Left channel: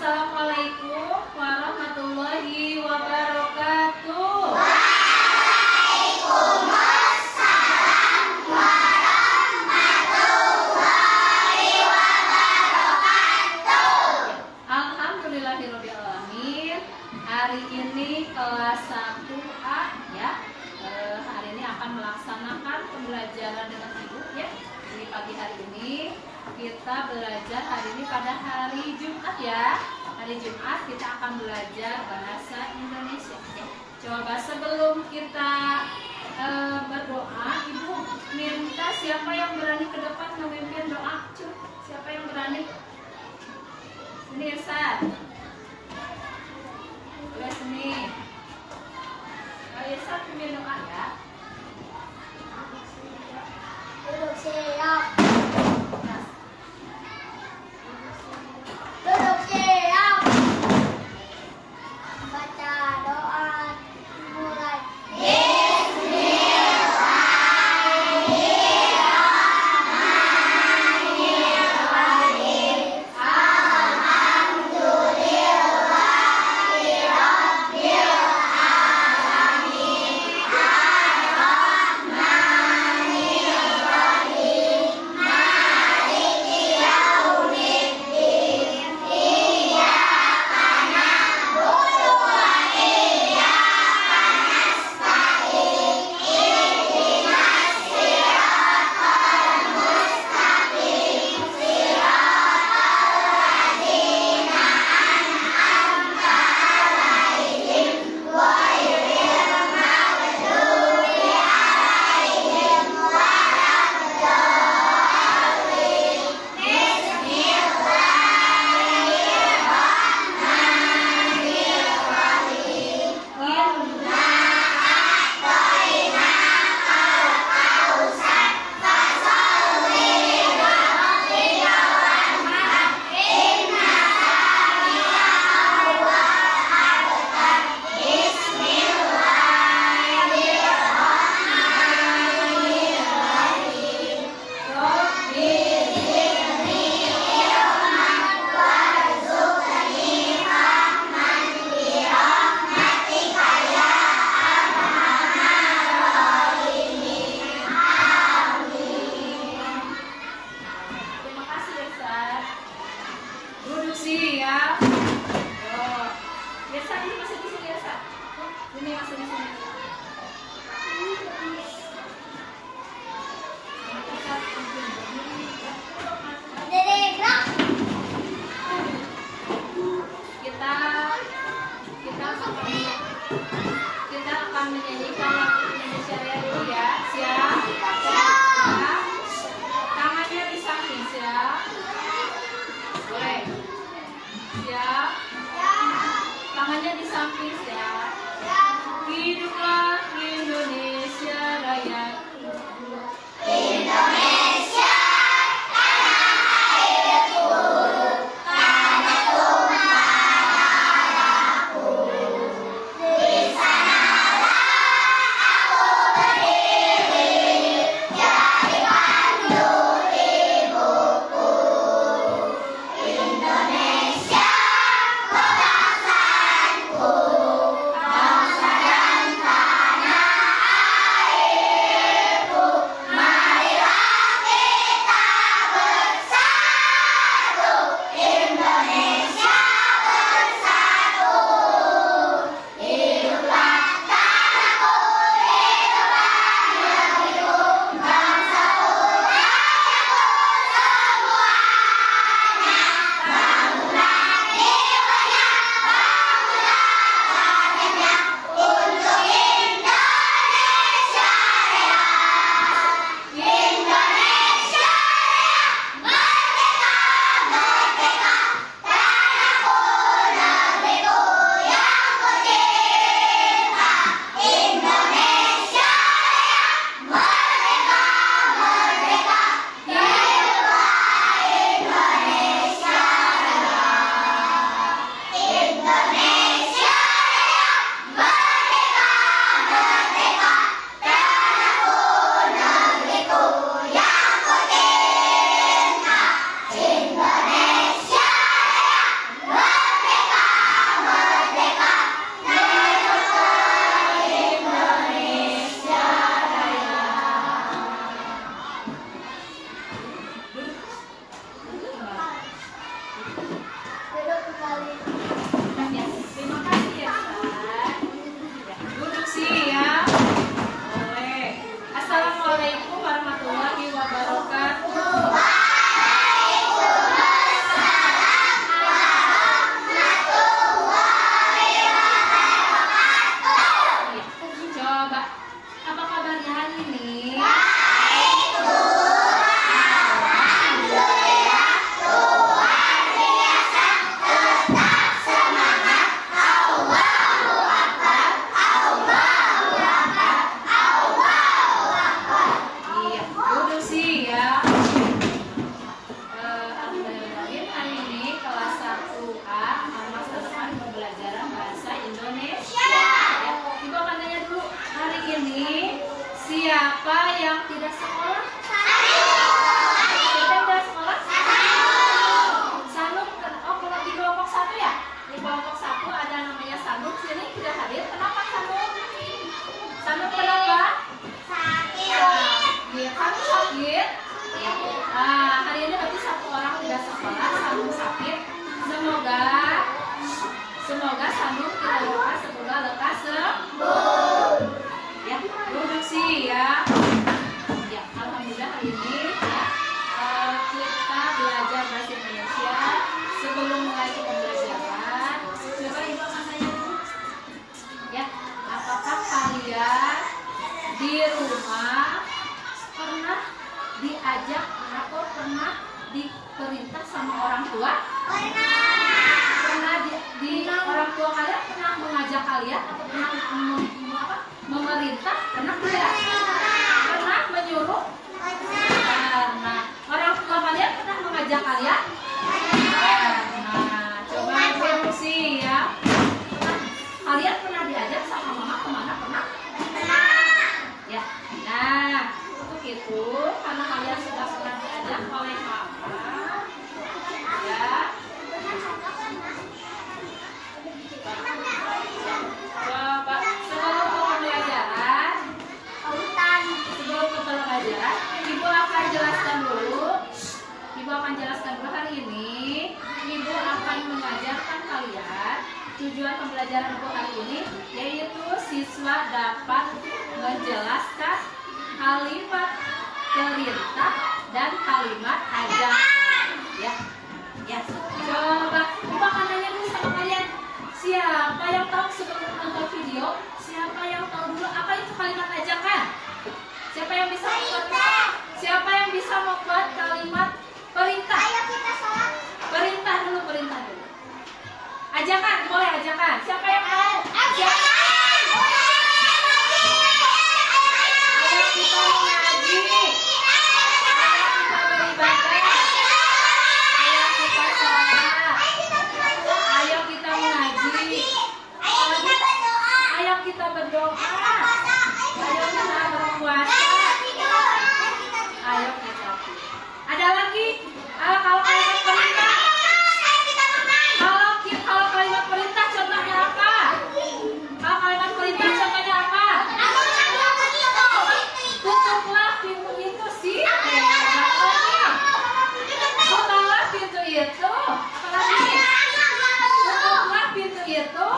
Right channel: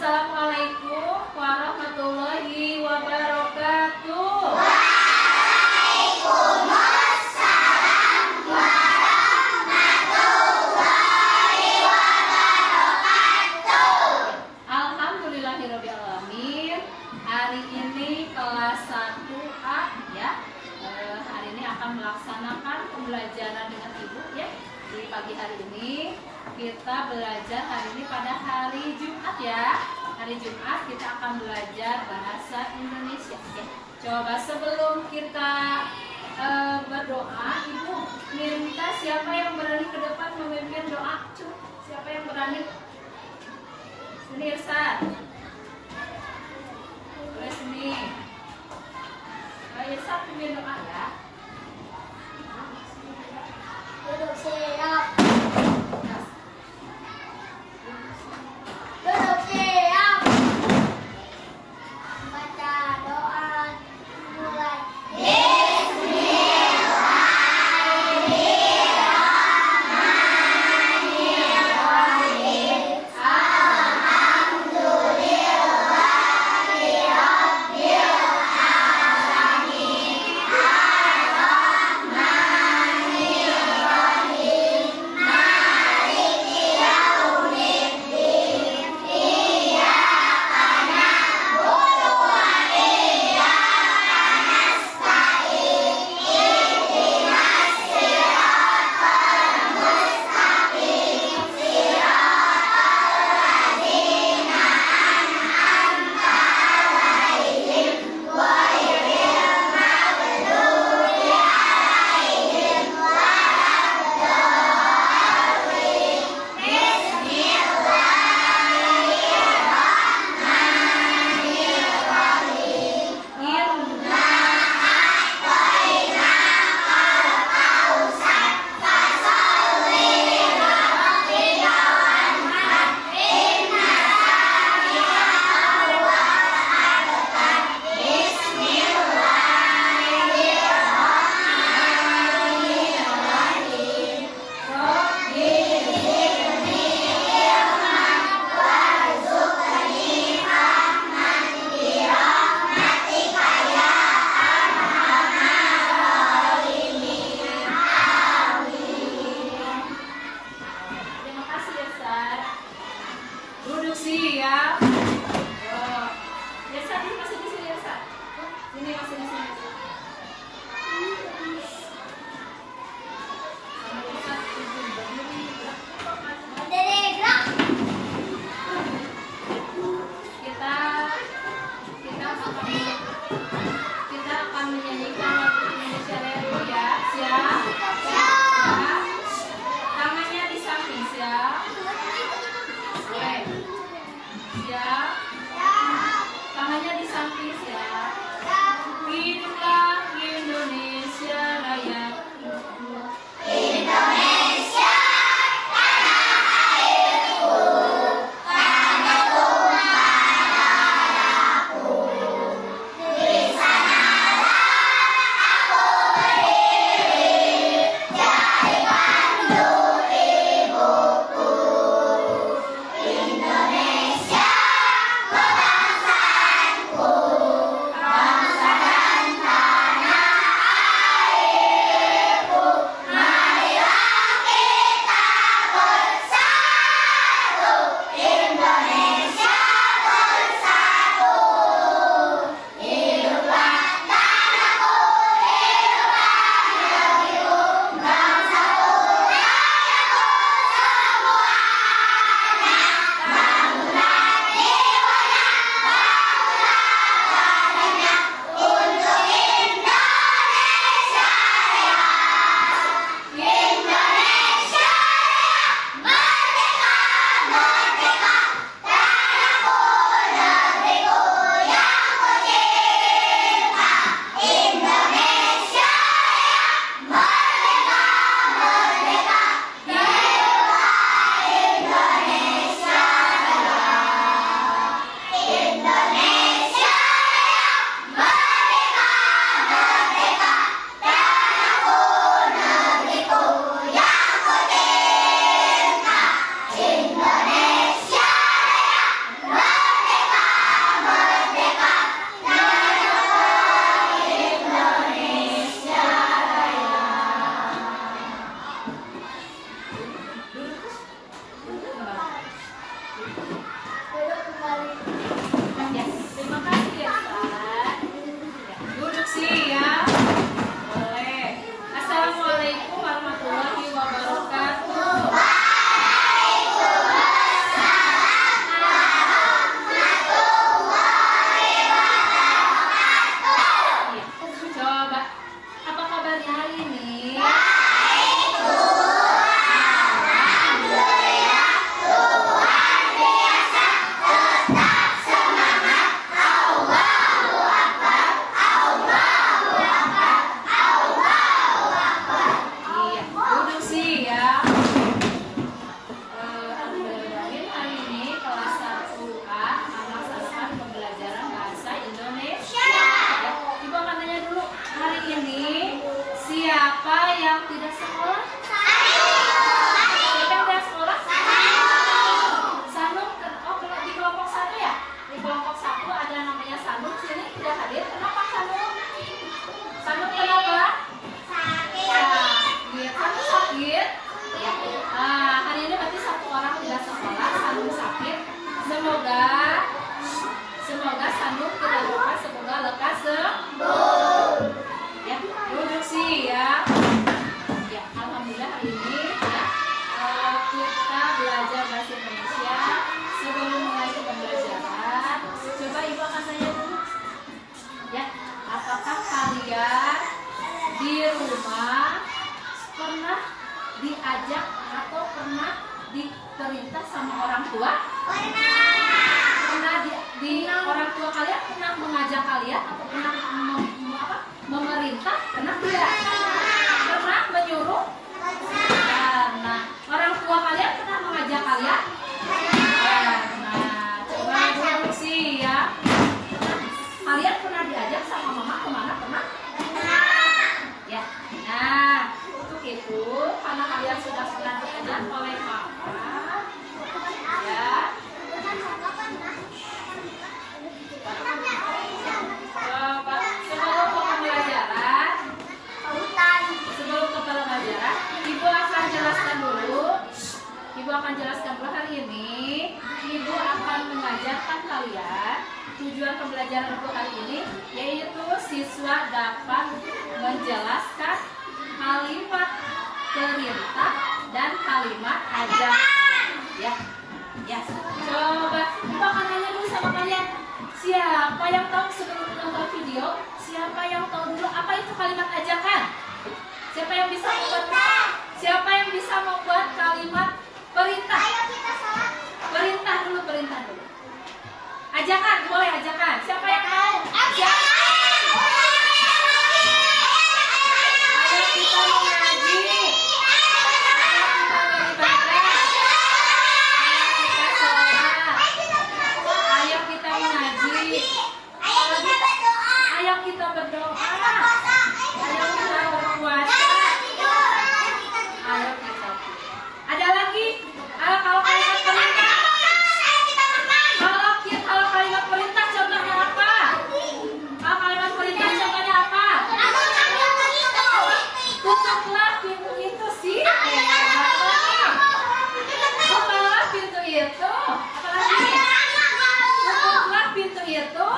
Assalamualaikum warahmatullahi wabarakatuh. Waalaikumsalam warahmatullahi wabarakatuh. Alhamdulillahirobbilalamin. Hari ini kelas 1A ya. Hari ini akan melaksanakan pembelajaran dengan ibu ya. Di pagi hari ini kita belajar hari ini pada hari Jumat ya. Hari Jumat kita akan belajar bahasa Indonesia ya. Coba sebelum kita berdoa, ibu minta siapa yang berani ke depan memimpin doa. Coba siapa yang berani? Sini Irsan. Boleh sini. Irsan pimpin doa ya. Duduk siap. Duduk siap. Baca doa mulai. Duduk siap. Oh. Irsa ini masih di sini Irsa. Ini masih di sini. Gerak. Kita akan menyanyikan lagu Indonesia Raya dulu ya. Siap? Tangannya di samping siap. Boleh. Siap. Tangannya di samping siap. Hiduplah Indonesia Raya. Indonesia, tanah airku, tanah tumpah darahku. Di sanalah aku berdiri, jadi pandu ibuku. Indonesia, kebangsaanku, bangsa dan tanah. Ya, terima kasih ya, Ustaz. Ya, Duduk siap. boleh. Assalamualaikum warahmatullahi wabarakatuh. Iya, coba apa kabarnya hari ini? Iya, Duduk siap. Alhamdulillah hari ini kelas 1A akan melaksanakan pembelajaran bahasa Indonesia. Ya, Ibu akan tanya dulu, hari ini siapa yang tidak sekolah? Siapa yang tidak sekolah? Sanum, oh kalau di kelompok 1 ya? Di kelompok 1 ada namanya Sanum, sini tidak hadir. Kenapa Sanum? Sanum kenapa? Iya, Sanum sakit. Ya. Hari ini berarti satu orang tidak sekolah, Sanum sakit. Semoga Sanum tidak lupa, semoga lekas sembuh. Ya, Duduk siap. ya, alhamdulillah hari ini ya kita belajar bahasa Indonesia. Sebelum mulai ke pembelajaran, coba Ibu akan tanya dulu. Ya, apakah kalian di rumah pernah diajak atau pernah diperintah sama orang tua? Pernah di orang tua kalian pernah mengajak kalian atau pernah memerintah? Pernah tidak? Pernah menyuruh? Pernah. Orang tua kalian pernah mengajak kalian? Pernah. Coba Duduk siap. kalian pernah diajak sama mama kemana? Pernah? Ya. Nah, untuk itu karena kalian sudah pernah diajak oleh mama, ya. Bapak, sebelum ke pembelajaran, Ibu akan jelaskan dulu. Hari ini Ibu akan mengajarkan kalian tujuan pembelajaran Ibu hari ini, yaitu siswa dapat menjelaskan kalimat perintah dan kalimat ajakan. Ya, ya. Coba Ibu akan tanya dulu sama kalian. Siapa yang tahu sebelum nonton video? Siapa yang tahu dulu apa itu kalimat ajakan? Siapa yang bisa membuat? Siapa yang bisa membuat kalimat perintah? Perintah dulu. Ajakan, boleh ajakan. Siapa yang tahu? Siapa? Ayo kita mengaji. Ayo kita beribadah. Ayo kita sholat. Ayo kita mengaji. Ayo kita berdoa. Ayo kita berpuasa. Ayo kita. Ada lagi? Kalau kalimat perintah. Kalau kalimat perintah contohnya apa? Kalau kalimat perintah contohnya apa? Tutuplah pintu itu sih. Tutuplah pintu itu. Apalagi? Tutuplah pintu itu.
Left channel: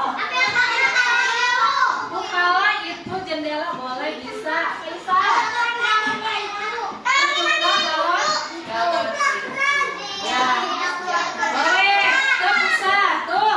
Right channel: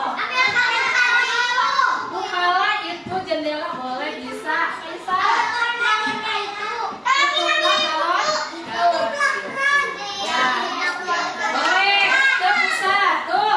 Bukalah itu jendela, boleh, bisa. Tutuplah galon. Ya, boleh. Tuh bisa, tuh.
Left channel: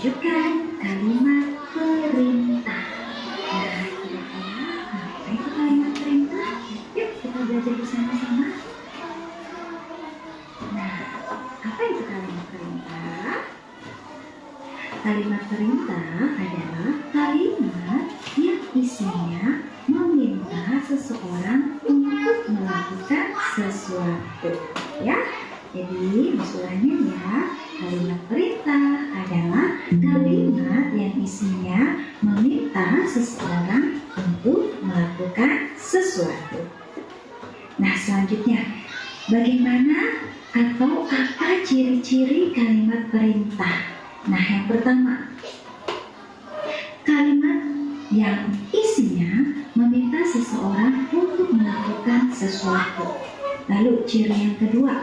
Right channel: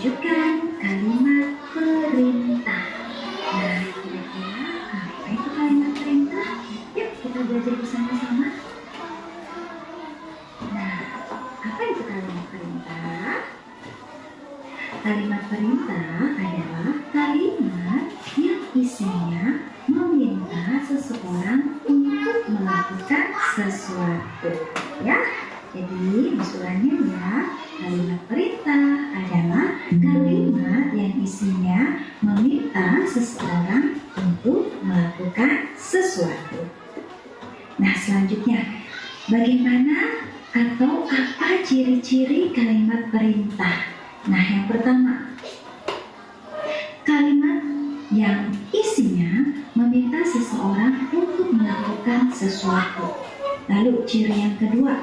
melanjutkan kalimat perintah. Nah, kira-kira apa itu kalimat perintah? Yuk kita belajar bersama-sama. Nah, apa itu kalimat perintah? Kalimat perintah adalah kalimat yang isinya meminta seseorang untuk melakukan sesuatu. Ya, jadi usulannya ya, kalimat perintah adalah kalimat yang isinya meminta seseorang untuk melakukan sesuatu. Nah, selanjutnya, bagaimana atau apa ciri-ciri kalimat perintah? Nah, yang pertama, kalimat yang isinya meminta seseorang untuk melakukan sesuatu. Lalu ciri yang kedua,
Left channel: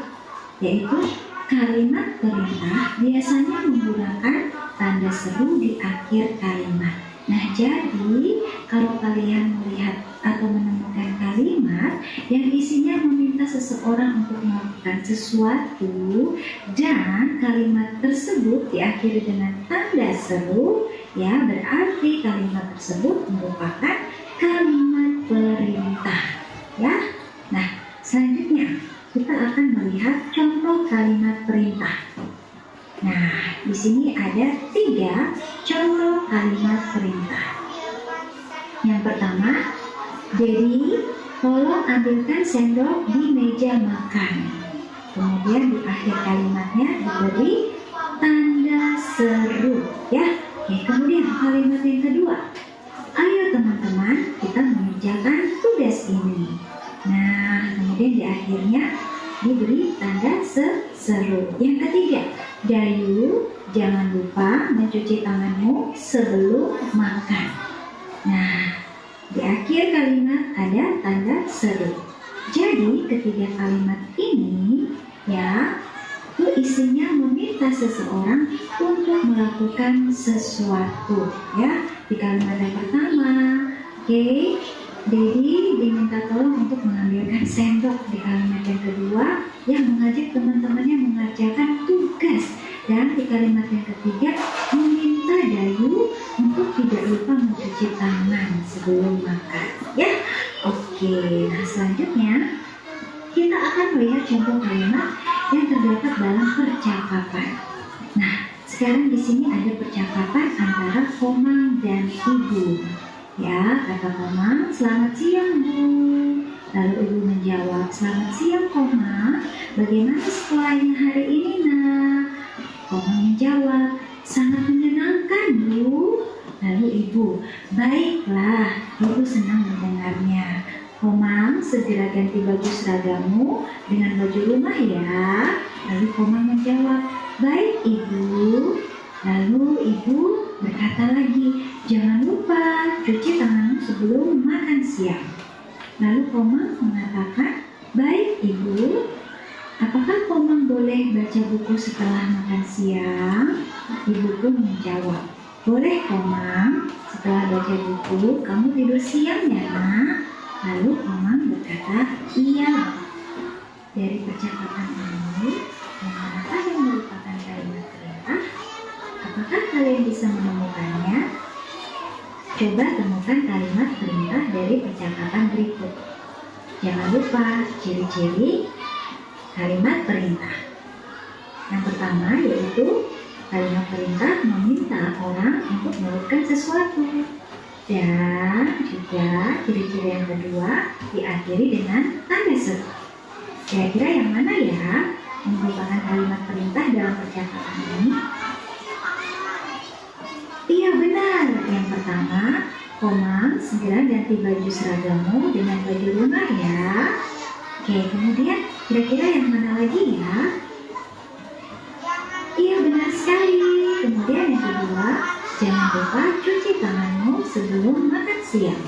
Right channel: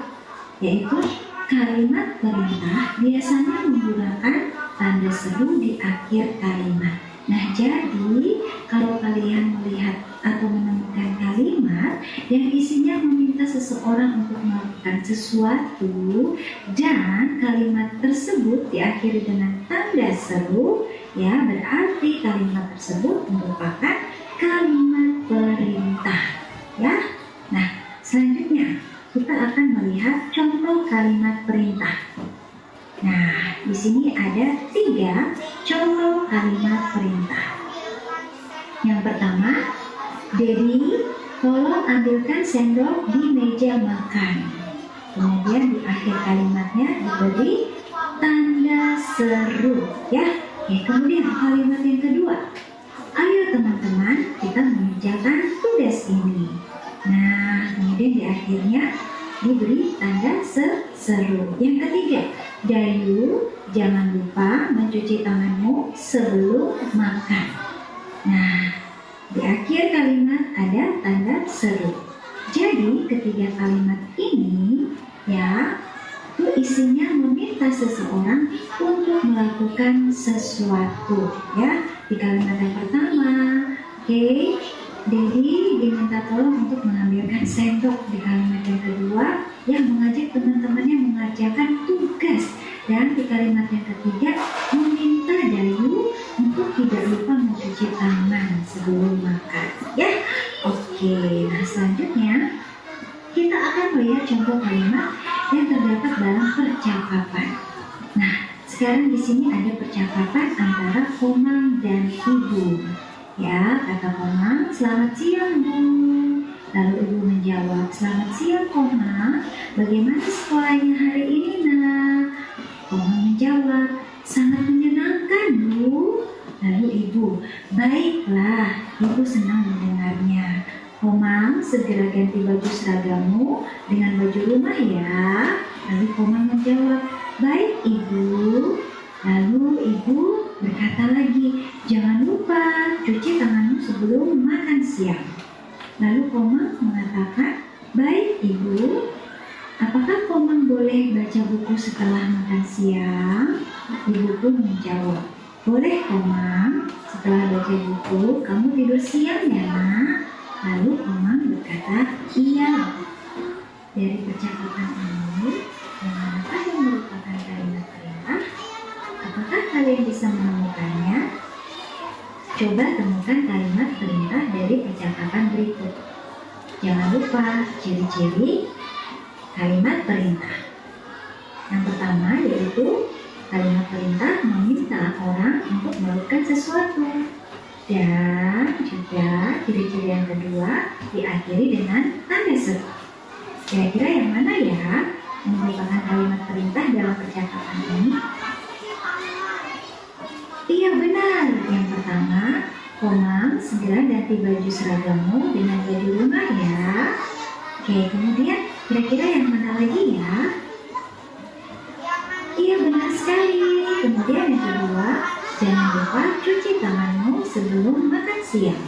yaitu kalimat perintah biasanya menggunakan tanda seru di akhir kalimat. Nah, jadi kalau kalian melihat atau menemukan kalimat yang isinya meminta seseorang untuk melakukan sesuatu dan kalimat tersebut diakhiri dengan tanda seru, ya berarti kalimat tersebut merupakan kalimat perintah. Ya, nah selanjutnya kita akan melihat contoh kalimat perintah. Nah, di sini ada 3 contoh kalimat perintah. Yang pertama, Dedi, tolong ambilkan sendok di meja makan. Kemudian di akhir kalimatnya diberi tanda seru. Ya, oke. Kemudian kalimat yang kedua, ayo teman-teman kita mengerjakan tugas ini. Nah, kemudian di akhirnya diberi tanda seru. Yang ketiga, Dayu, jangan lupa mencuci tanganmu sebelum makan. Nah, di akhir kalimat ada tanda seru. Jadi ketiga kalimat ini ya itu isinya meminta seseorang untuk melakukan sesuatu. Ya, di kalimat yang pertama, oke, Dedi diminta tolong untuk mengambilkan sendok. Di kalimat yang kedua, yang mengajak teman-temannya mengerjakan tugas. Dan di kalimat yang ketiga, meminta Dayu untuk tidak lupa mencuci tangan sebelum makan. Ya, oke. Nah, selanjutnya kita akan melihat contoh kalimat yang terdapat dalam percakapan. Nah, sekarang di sini ada percakapan antara Komang dan Ibu. Ya, kata Komang, selamat siang Bu. Lalu Ibu menjawab, selamat siang Komang, bagaimana sekolahnya hari ini nak? Komang menjawab, sangat menyenangkan Bu. Lalu Ibu, baiklah, Ibu senang mendengarnya. Komang, segera ganti baju seragammu dengan baju rumah ya. Lalu Komang menjawab, baik Ibu. Lalu Ibu berkata lagi, jangan lupa cuci tanganmu sebelum makan siang. Lalu Komang mengatakan, baik Ibu. Apakah Komang boleh baca buku setelah makan siang? Ibu pun menjawab, boleh Komang. Setelah baca buku, kamu tidur siang ya nak? Lalu Komang berkata, iya. Dari percakapan ini, manakah yang merupakan kalimat perintah? Apakah kalian bisa menemukannya? Coba temukan kalimat perintah dari percakapan berikut. Jangan lupa ciri-ciri kalimat perintah. Yang pertama yaitu kalimat perintah meminta orang untuk melakukan sesuatu. Dan juga ciri-ciri yang kedua diakhiri dengan tanda seru. Kira-kira yang mana ya yang merupakan kalimat perintah dalam percakapan ini? Iya benar, yang pertama, Komang segera ganti baju seragammu dengan baju rumah ya. Oke, kemudian kira-kira yang mana lagi ya? Iya benar sekali. Kemudian yang kedua, jangan lupa cuci tanganmu sebelum makan siang.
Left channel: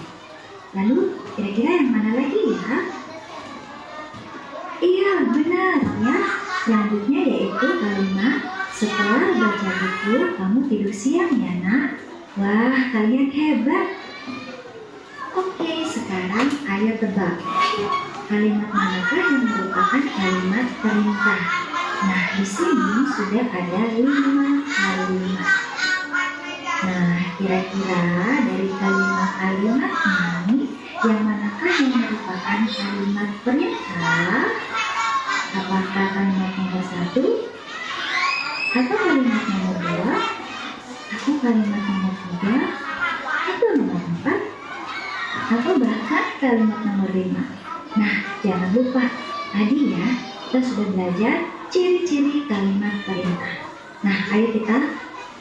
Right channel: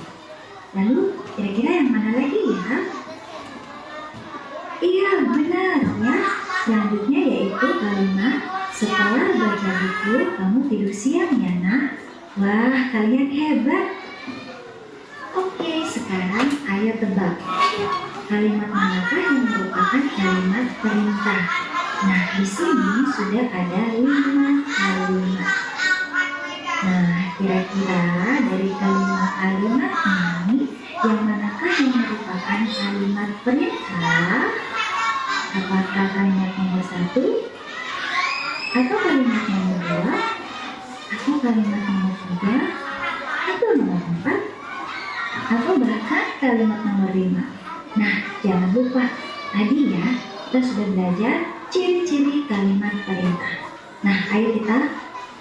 Lalu kira-kira yang mana lagi ya? Iya benar ya. Selanjutnya yaitu kalimat setelah baca buku kamu tidur siang ya nak. Wah kalian hebat. Oke, sekarang ayo tebak. Kalimat manakah yang merupakan kalimat perintah? Nah, di sini sudah ada 5 kalimat. kira-kira dari kalimat-kalimat ini, yang manakah yang merupakan kalimat perintah? Apakah kalimat nomor 1, atau kalimat nomor 2, atau kalimat nomor 3, atau nomor 4, atau bahkan kalimat nomor 5? Nah, jangan lupa, tadi ya, kita sudah belajar ciri-ciri kalimat perintah. Nah, ayo kita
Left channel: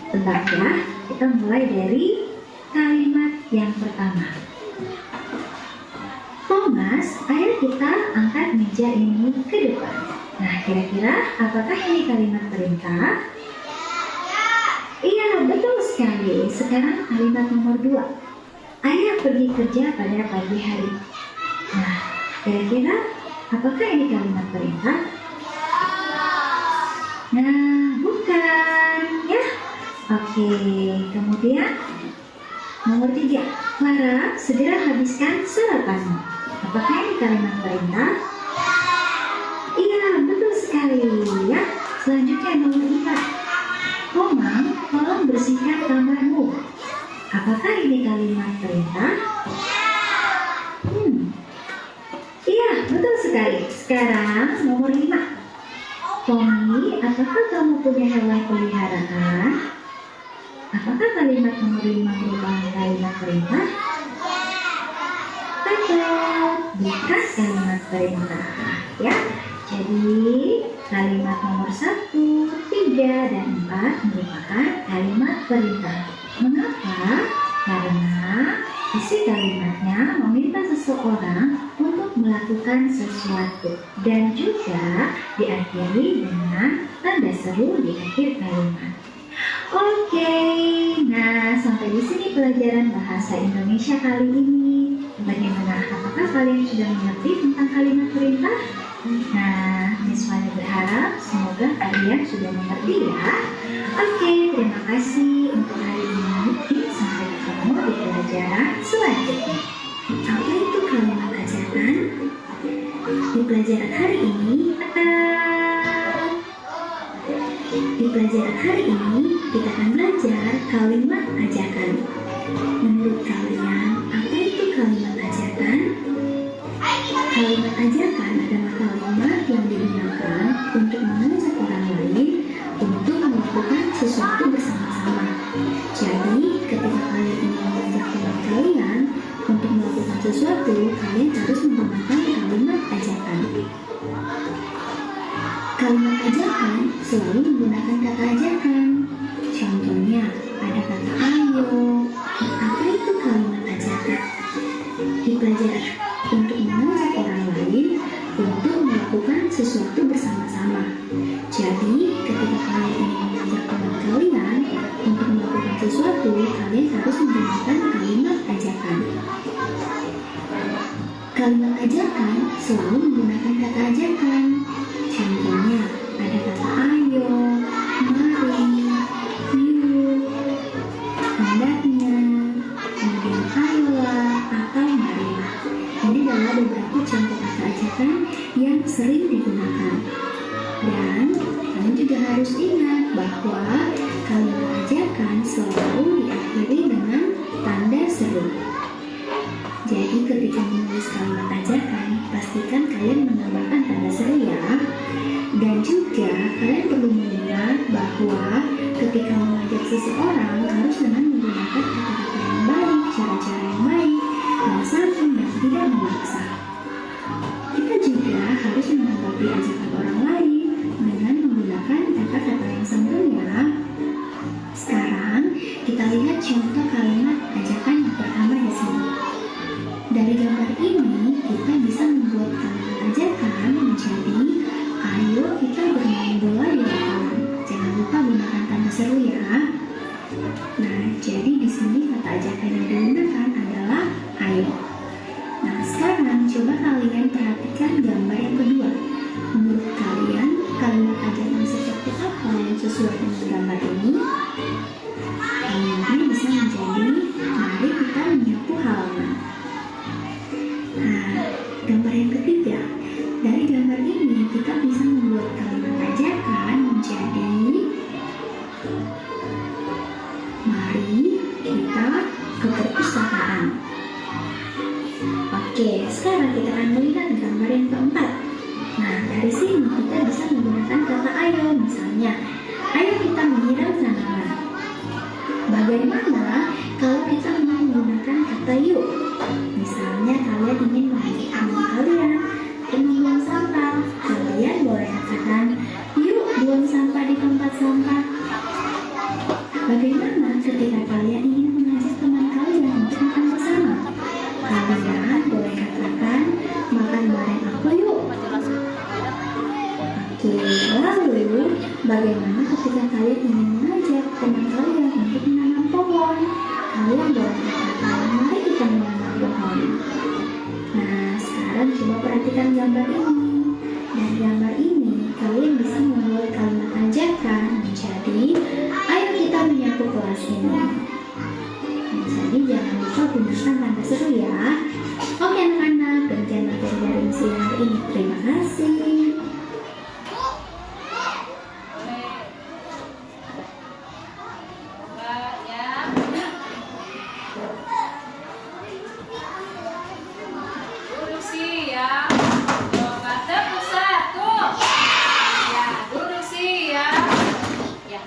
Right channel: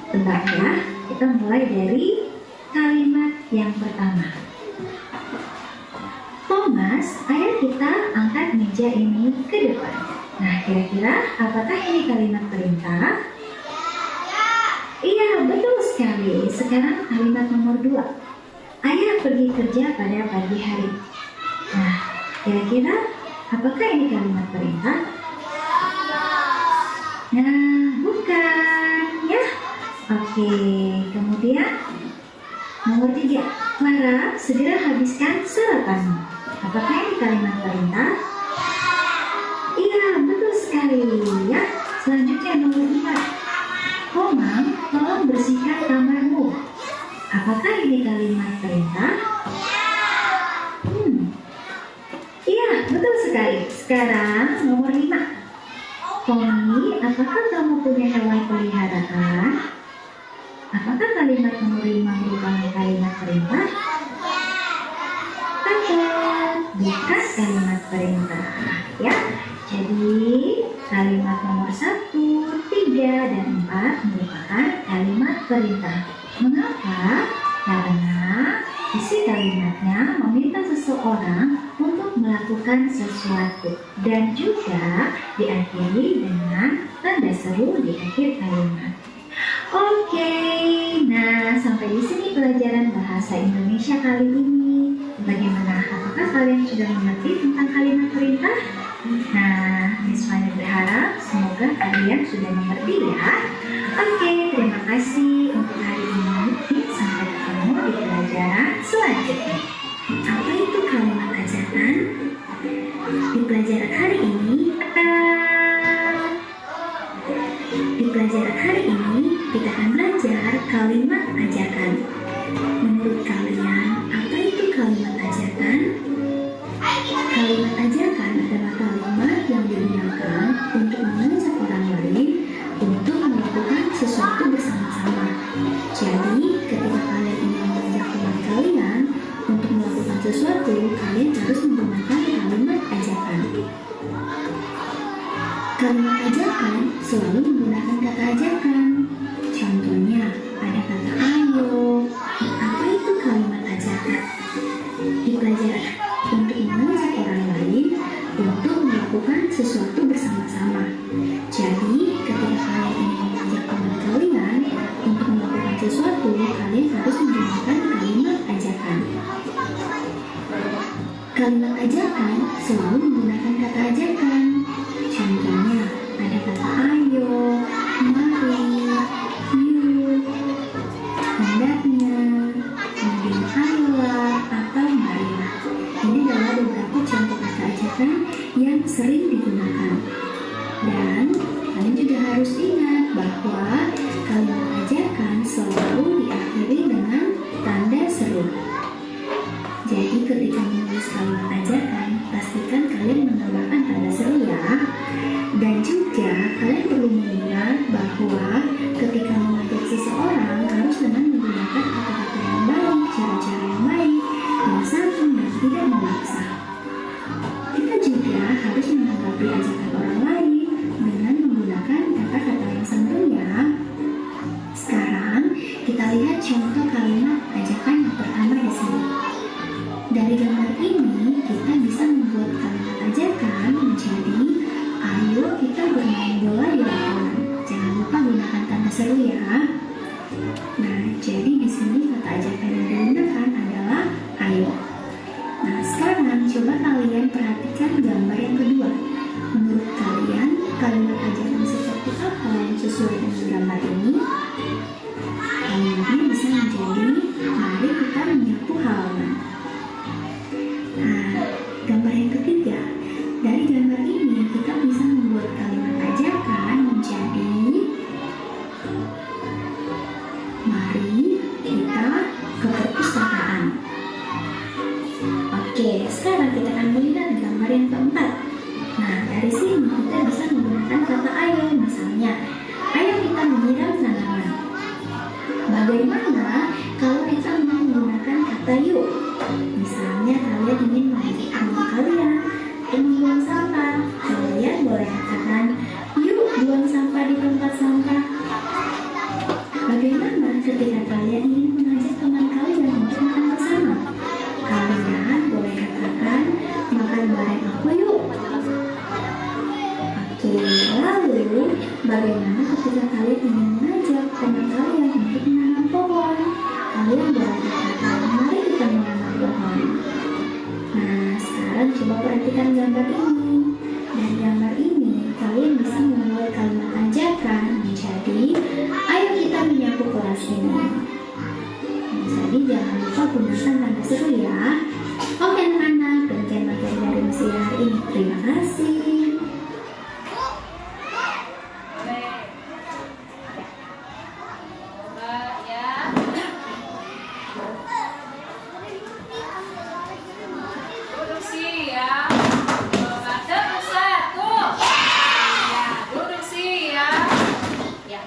tebak ya. Kita mulai dari kalimat yang pertama. Thomas, ayo kita angkat meja ini ke depan. Nah, kira-kira apakah ini kalimat perintah? Iya, betul sekali. Sekarang kalimat nomor 2. Ayah pergi kerja pada pagi hari. Nah, kira-kira apakah ini kalimat perintah? Nah, bukan ya. Oke, kemudian nomor 3. Clara, segera habiskan sarapanmu. Apakah ini kalimat perintah? Iya, betul sekali ya. Selanjutnya nomor 4. Tomang, tolong bersihkan kamarmu. Apakah ini kalimat perintah? Iya, betul sekali. Sekarang nomor 5. Tommy, apakah kamu punya hewan peliharaan? Apakah kalimat nomor 5 merupakan kalimat perintah? Bukan kalimat perintah ya. Jadi kalimat nomor 1, 3, dan 4 merupakan kalimat perintah. Mengapa? Karena isi kalimatnya meminta seseorang untuk melakukan sesuatu dan juga diakhiri dengan tanda seru di akhir kalimat. Oke, nah sampai di sini pelajaran bahasa Indonesia kali ini. Bagaimana? Apakah kalian sudah mengerti tentang kalimat perintah? Nah, Miss Fani berharap semoga kalian sudah mengerti ya. Oke, terima kasih untuk hari ini. Sampai ketemu di pelajaran selanjutnya. Apa itu kalimat ajakan? Di pelajaran hari ini, kita akan belajar kalimat ajakan. Menurut kalian, apa itu kalimat ajakan? Kalimat ajakan adalah kalimat yang digunakan untuk mengajak orang lain untuk melakukan sesuatu bersama-sama. Jadi, ketika kalian ingin mengajak teman kalian untuk melakukan sesuatu, kalian harus menggunakan kalimat ajakan. Kalimat ajakan selalu menggunakan kata ajakan. Contohnya, ada kata ayo. Apa itu kalimat ajakan? Di pelajaran untuk mengajak orang lain untuk melakukan sesuatu bersama-sama. Jadi, ketika kalian ingin mengajak teman kalian untuk melakukan sesuatu, kalian harus menggunakan kalimat ajakan. Kalimat ajakan selalu menggunakan kata ajakan. Contohnya, ada kata ayo, mari, yuk, hendaknya, kemudian ayolah, atau marilah. Ini adalah beberapa contoh kata ajakan yang sering digunakan. Dan kalian juga harus ingat bahwa kalimat ajakan selalu diakhiri dengan tanda seru. Jadi ketika menulis kalimat ajakan, pastikan kalian menambahkan tanda seru ya. Dan juga kalian perlu mengingat bahwa ketika mengajak seseorang harus dengan menggunakan kata-kata yang baik, cara-cara yang baik, yang santun dan tidak memaksa. Kita juga harus menanggapi ajakan orang lain dengan menggunakan kata-kata yang santun ya. Sekarang kita lihat contoh kalimat ajakan yang pertama di sini. Dari gambar ini kita bisa membuat kalimat ajakan menjadi ayo kita bermain bola di lapangan. Jangan lupa gunakan tanda seru ya. Nah, jadi di sini kata ajakan yang digunakan adalah ayo. Nah, sekarang coba kalian perhatikan gambar yang kedua. Menurut kalian, kalimat ajakan seperti apa yang sesuai dengan gambar ini? Kalimatnya bisa menjadi mari kita menyapu halaman. Nah, gambar yang ketiga. Dari gambar ini kita bisa membuat kalimat ajakan menjadi mari kita sekarang kita akan melihat gambar yang keempat. Nah, dari sini kita bisa menggunakan kata ayo. Misalnya, ayo kita menyiram tanaman. Bagaimana kalau kita menggunakan kata yuk? Misalnya kalian ingin mengajak teman kalian untuk membuang sampah. Kalian boleh katakan, yuk buang sampah di tempat sampah. Bagaimana ketika kalian ingin mengajak teman kalian untuk makan bersama? Kalian boleh katakan, makan bareng aku yuk. Oke, lalu bagaimana ketika kalian ingin mengajak teman kalian untuk menanam pohon? Kalian boleh katakan, mari kita menanam pohon. Nah, sekarang coba perhatikan gambar ini. Dari gambar ini, kalian bisa membuat kalimat ajakan menjadi, ayo kita menyapu kelas ini. Jadi jangan lupa gunakan tanda seru ya. Oke anak-anak, demikian materi dari misi hari ini. Terima kasih. Coba ya. Duduk siap. Coba tepuk satu. Ya, duduk siap. Ya.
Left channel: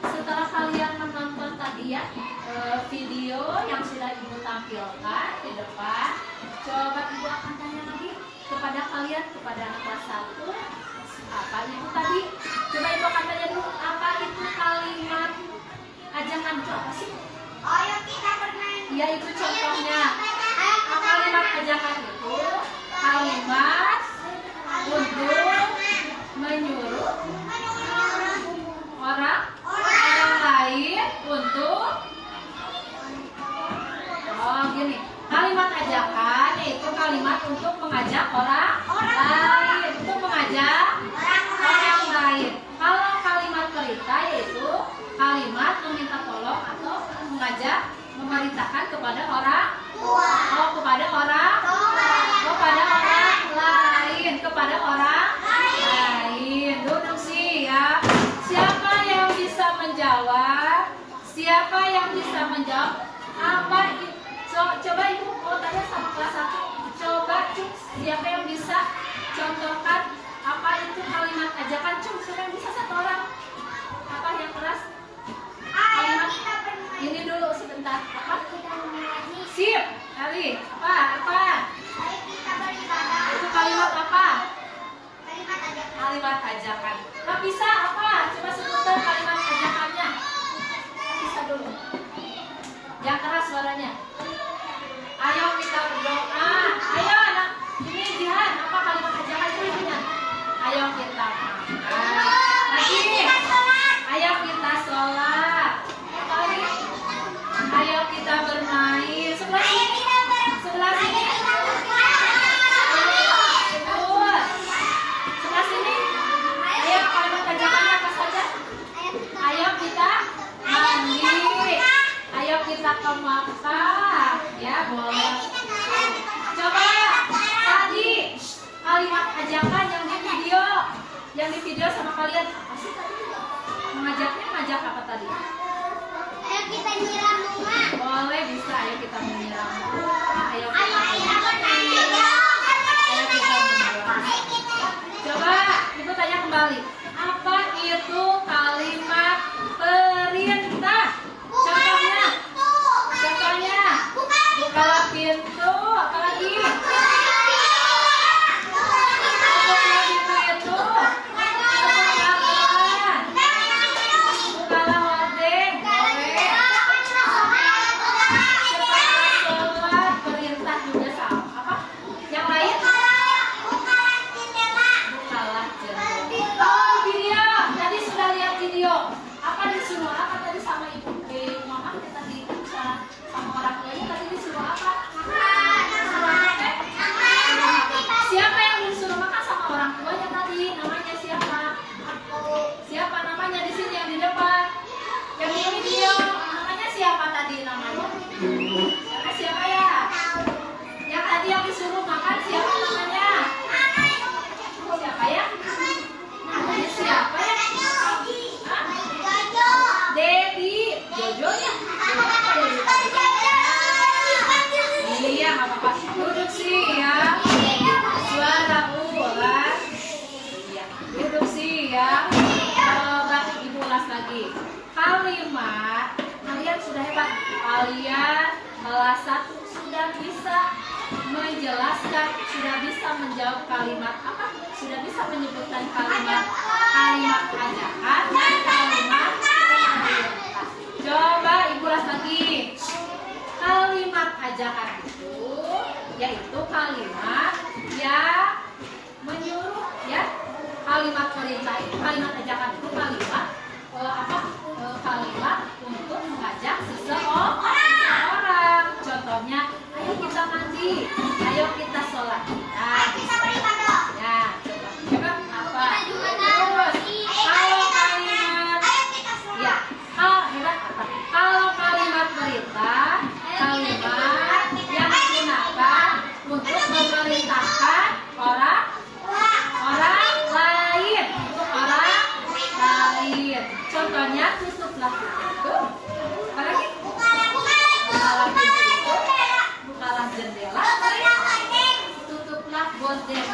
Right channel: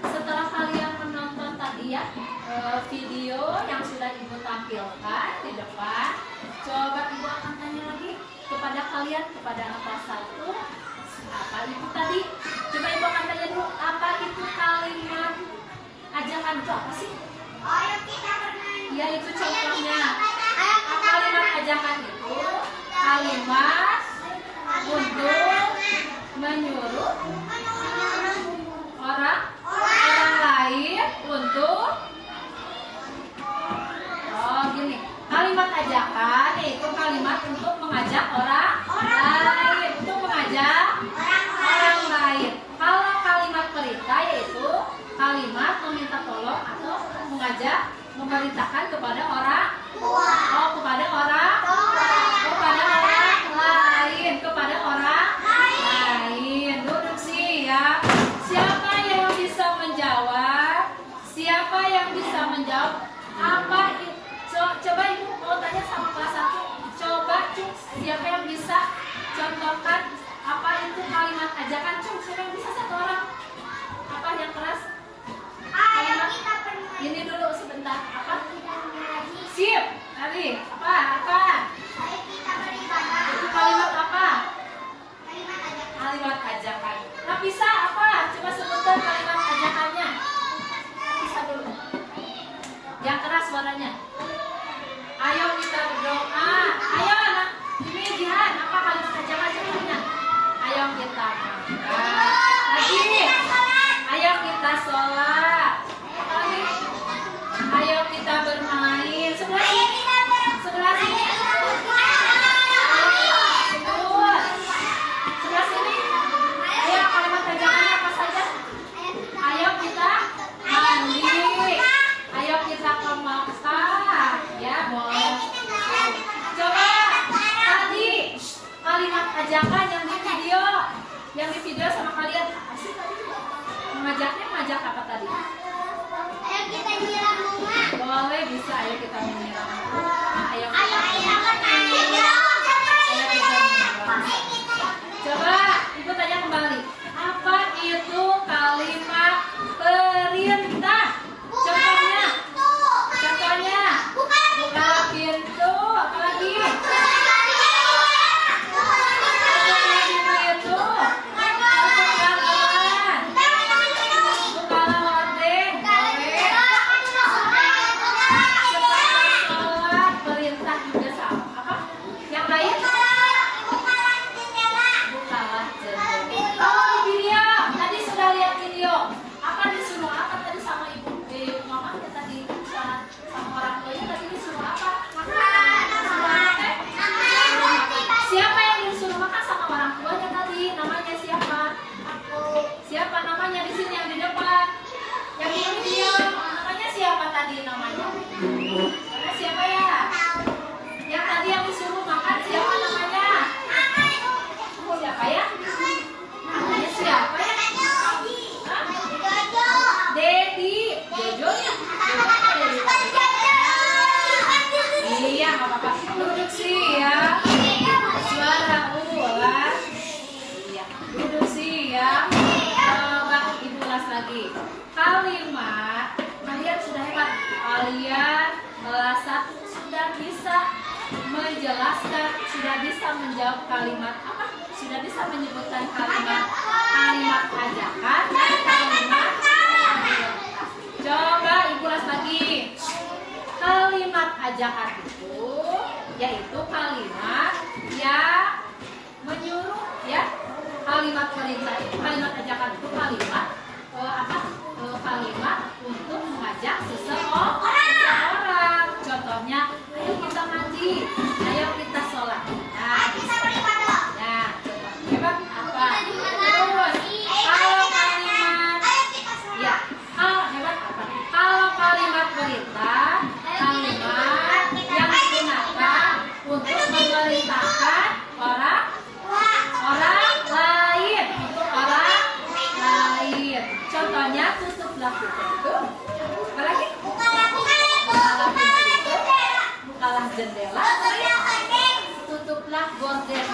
Setelah kalian menonton tadi ya video yang sudah Ibu tampilkan di depan, coba Ibu akan tanya lagi kepada kalian, kepada anak kelas 1, apa itu tadi? Coba Ibu akan tanya dulu, apa itu kalimat ajakan itu apa sih? Ya, itu contohnya. Kalimat ajakan itu kalimat untuk menyuruh orang lain untuk gini. Kalimat ajakan yaitu kalimat untuk mengajak orang lain, untuk mengajak orang lain. Kalau kalimat perintah yaitu kalimat meminta tolong atau mengajak, memerintahkan kepada orang kepada orang lain, kepada orang lain. Duduk siap. Siapa yang bisa menjawab? Siapa yang bisa menjawab? Apa itu? Coba Ibu mau tanya sama kelas 1. Coba Cung, siapa yang bisa contohkan apa itu kalimat ajakan? Cung, siapa yang bisa satu orang? Apa yang kelas? Kalimat ini dulu sebentar. Apa? Sip. Tadi apa? Itu kalimat apa? Kalimat ajakan. Nah, bisa apa? Coba sebutkan kalimat ajakannya. Bisa dulu. Yang keras suaranya. Ayo kita berdoa. Ayo anak. Ini Jihan. Apa kalimat ajakannya ini? Ayo kita makan. Lagi. Ayo kita sholat. Lagi. Ayo kita bermain. Sebelah sini. Sebelah sini. Sebelah sini. Ayo kalimat ajakannya apa saja? Ayo kita mandi. Ayo kita ke Makkah. Ya boleh. Coba tadi kalimat ajakan yang di video sama kalian apa sih tadi? Mengajak apa tadi? Ayo kita nyiram bunga. Boleh, bisa. Ayo kita menyiram bunga. Ayo kita menyiram. Coba Ibu tanya kembali. Apa itu kalimat perintah? Contohnya. Buka pintu. Apa lagi? Siapa ya? Yang tadi yang disuruh makan siapa namanya? Siapa ya? Namanya siapa ya? Dedi. Jojo ya? Iya, nggak apa-apa. Duduk siap. Suara ulas. Iya. Duduk siap. Coba Ibu ulas lagi. Kalimat. Kalian sudah hebat. Kalian kelas 1 sudah bisa menjelaskan, sudah bisa menjawab kalimat apa? Sudah bisa menyebutkan kalimat ajakan dan kalimat perintah. Coba Ibu ulas lagi. Kalimat ajakan itu yaitu kalimat yang menyuruh, ya. Kalimat perintah itu, kalimat ajakan itu kalimat kalimat untuk mengajak seseorang. Contohnya, ayo kita mandi, ayo kita sholat. Nah, bisa. Nah, coba. Coba apa? Terus, kalau kalimat, ya, hebat apa? Kalau kalimat perintah, kalimat yang digunakan untuk memerintahkan orang lain, untuk orang lain. Contohnya, tutuplah pintu itu. Apalagi? Bukalah pintu itu. Bukalah jendela. Tutuplah gorden.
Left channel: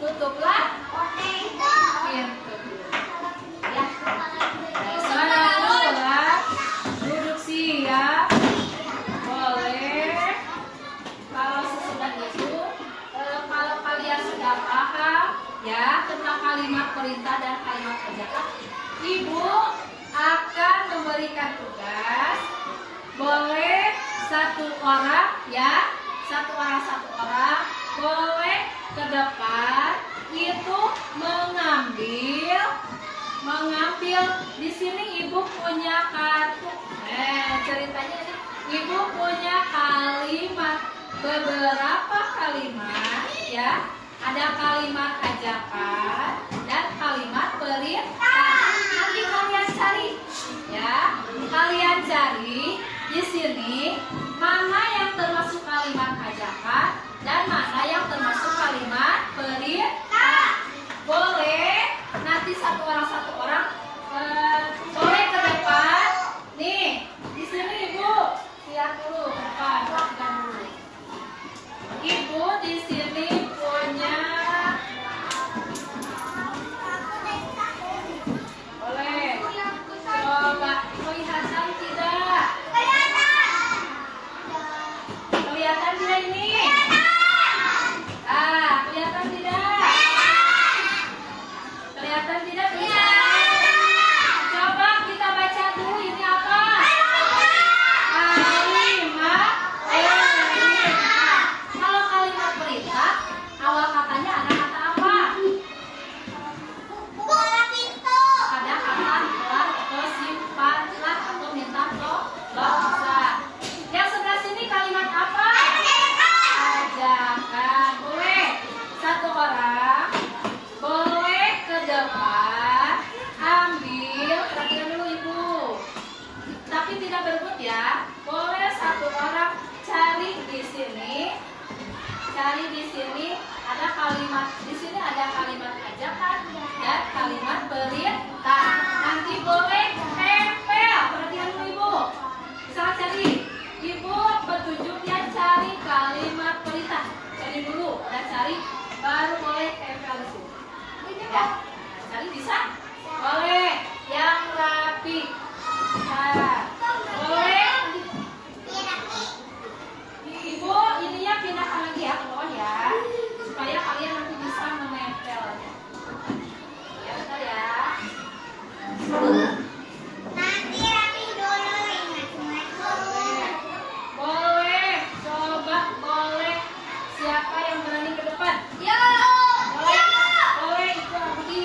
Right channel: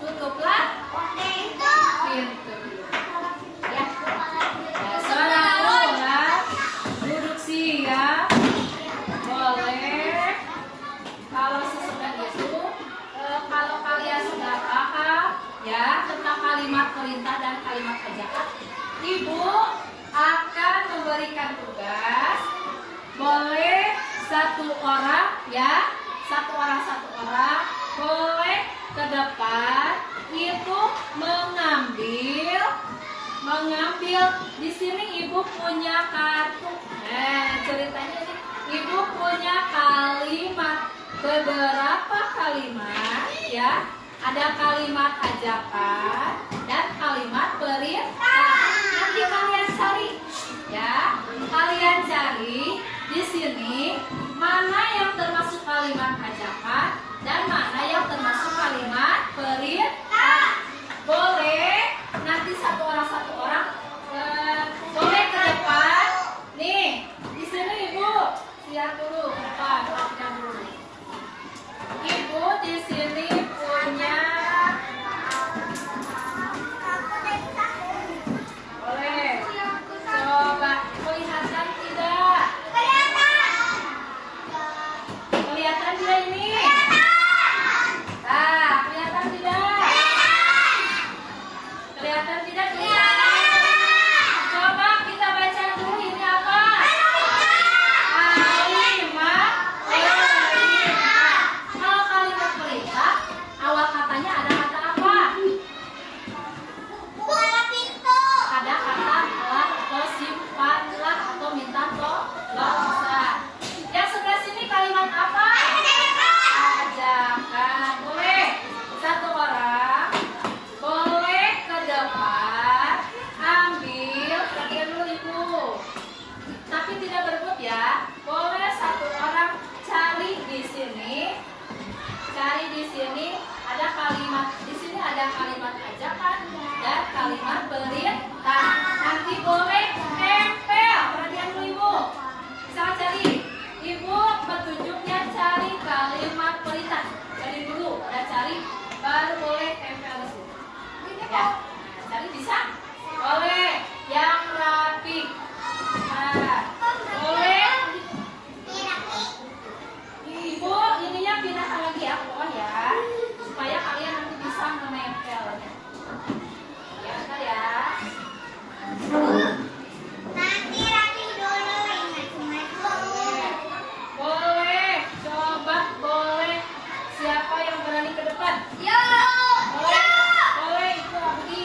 Tutuplah pintu. Ya. Sekarang ulas. Duduk siap. Boleh. Kalau sesudah itu, kalau kalian sudah paham ya tentang kalimat perintah dan kalimat ajakan, Ibu akan memberikan tugas. Boleh satu orang, ya, satu orang boleh ke depan itu mengambil di sini Ibu punya kartu. Ceritanya ini Ibu punya kalimat, beberapa kalimat, ya. Ada kalimat ajakan dan kalimat perintah. Nanti kalian cari, ya. Kalian cari di sini mana yang termasuk kalimat ajakan dan mana yang termasuk kalimat perintah. Boleh nanti satu orang boleh ke depan. Nih, di sini Ibu lihat dulu ke depan, perhatikan dulu. Ibu di sini punya, boleh coba kelihatan tidak? Kelihatan tidak ini? Nah, kelihatan tidak? Kelihatan tidak? Coba kita baca dulu ini apa? Kalimat perintah. Kalau kalimat perintah, awal katanya ada kata apa? Buka pintu. Ada kata telah atau sifatlah atau minta tolong. Yang sebelah sini kalimat apa? Ajakan. Boleh satu orang boleh ke depan ambil, perhatikan dulu Ibu, tapi tidak berebut ya. Boleh satu orang cari di sini ada kalimat, di sini ada kalimat ajakan dan kalimat perintah. Nanti boleh tempel, perhatian dulu Ibu. Misalnya cari, Ibu petunjuknya cari kalimat perintah. Cari dulu, udah cari, baru boleh tempel di sini. Ya, cari bisa? Boleh, yang rapi. Nah, boleh. Ibu, ininya pindahkan lagi ya, ya, supaya kalian nanti bisa menempelnya. Ya, bentar ya. Nanti rapi dulu, ingat. Boleh, coba boleh. Siapa yang berani ke depan? Yo. Boleh, itu Abdi.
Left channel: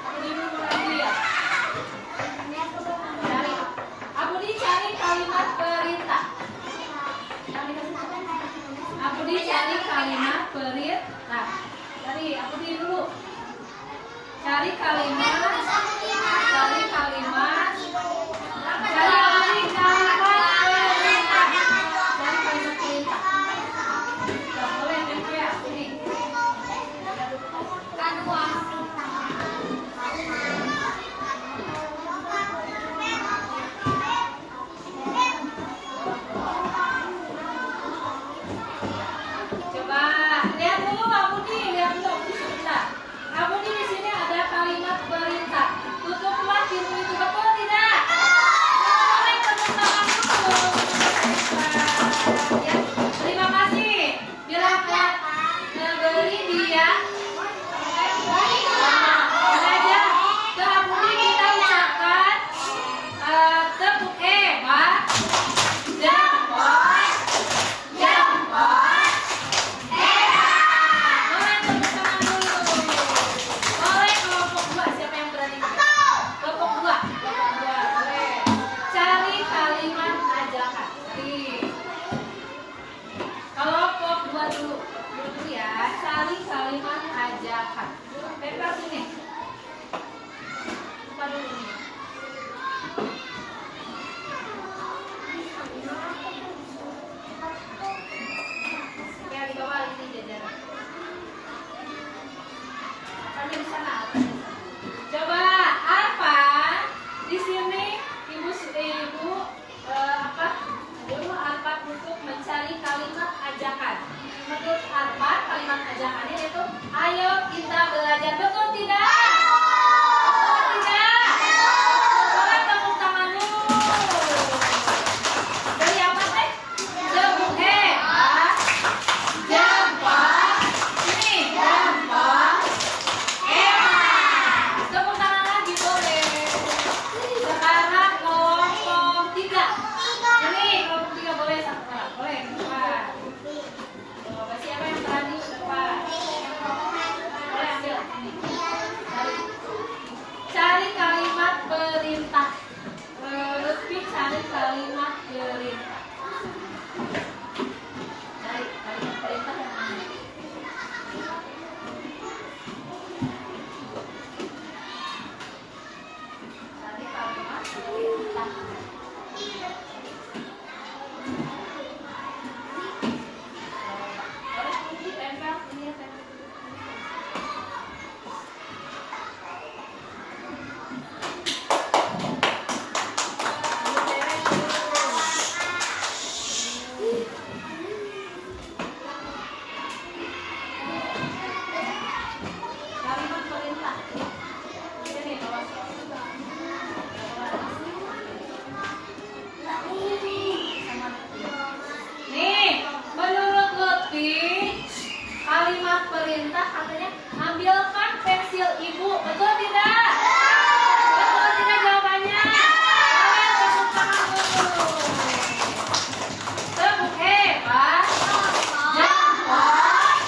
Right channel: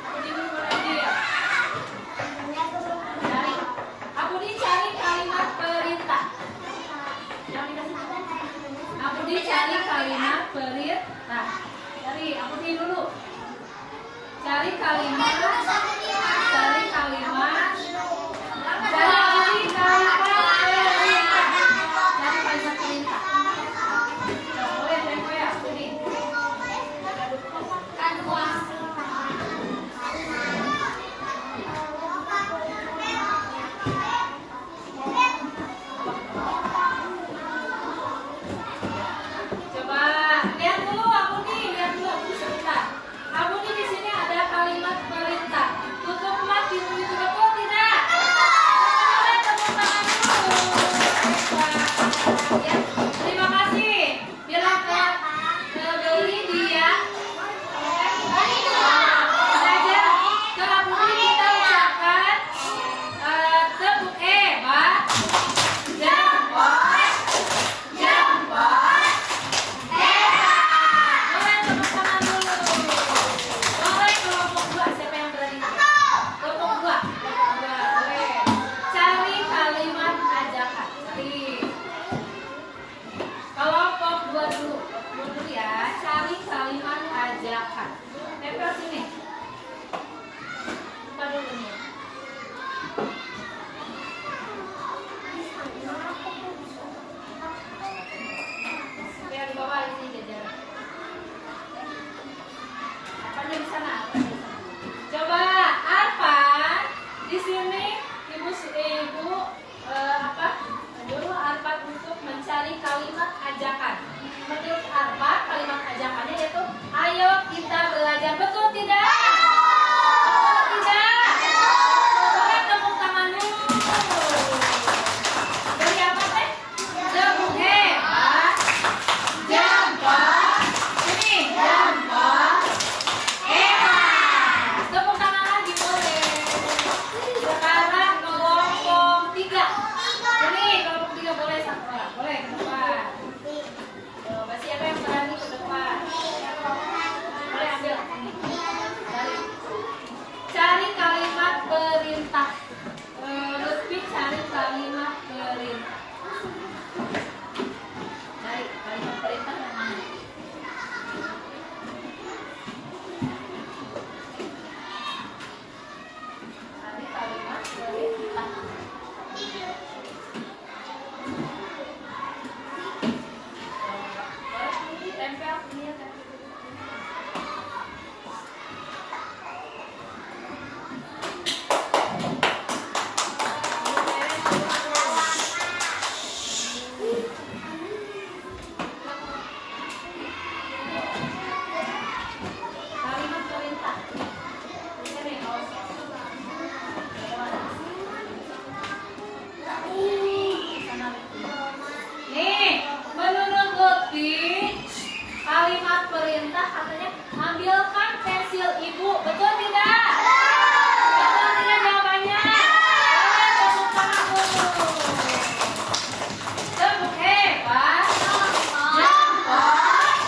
Abdi dulu berani ya. Abdi cari kalimat perintah. Abdi cari kalimat perintah. Cari Abdi dulu. Cari kalimat. Cari Abdi kalimat perintah. Cari kalimat perintah. Tidak boleh tempel ya, Abdi. Ya, di bawah ini jajaran. Apanya di sana? Apanya di sana? Coba apa di sini ibu apa? Dulu Arfad untuk mencari kalimat ajakan. Menurut Arfad kalimat ajakannya yaitu ayo kita belajar. Betul tidak? Betul tidak? Coba tepuk tangan dulu. Dari apa teh? Tepuk hebat. Gampang. Ini gampang. Tepuk tangan lagi boleh. Sekarang kelompok 3. Ini kelompok 3 boleh satu orang. Boleh ke depan. Coba siapa yang berani ke depan? Boleh ambil ini. Cari kalimat perintah. Lutfi cari kalimat perintah. Cari kalimat perintah yang mana? Cari kalimat perintah. Boleh ini tempel, ini ya tempel. Kalimat perintah. Ini kalau nih, menurut Lutfi, kalimat perintah katanya ambilkan pensil ibu. Betul tidak? Betul tidak jawabannya? Boleh tepuk tangan dulu. Tepuk hebat. Gampang.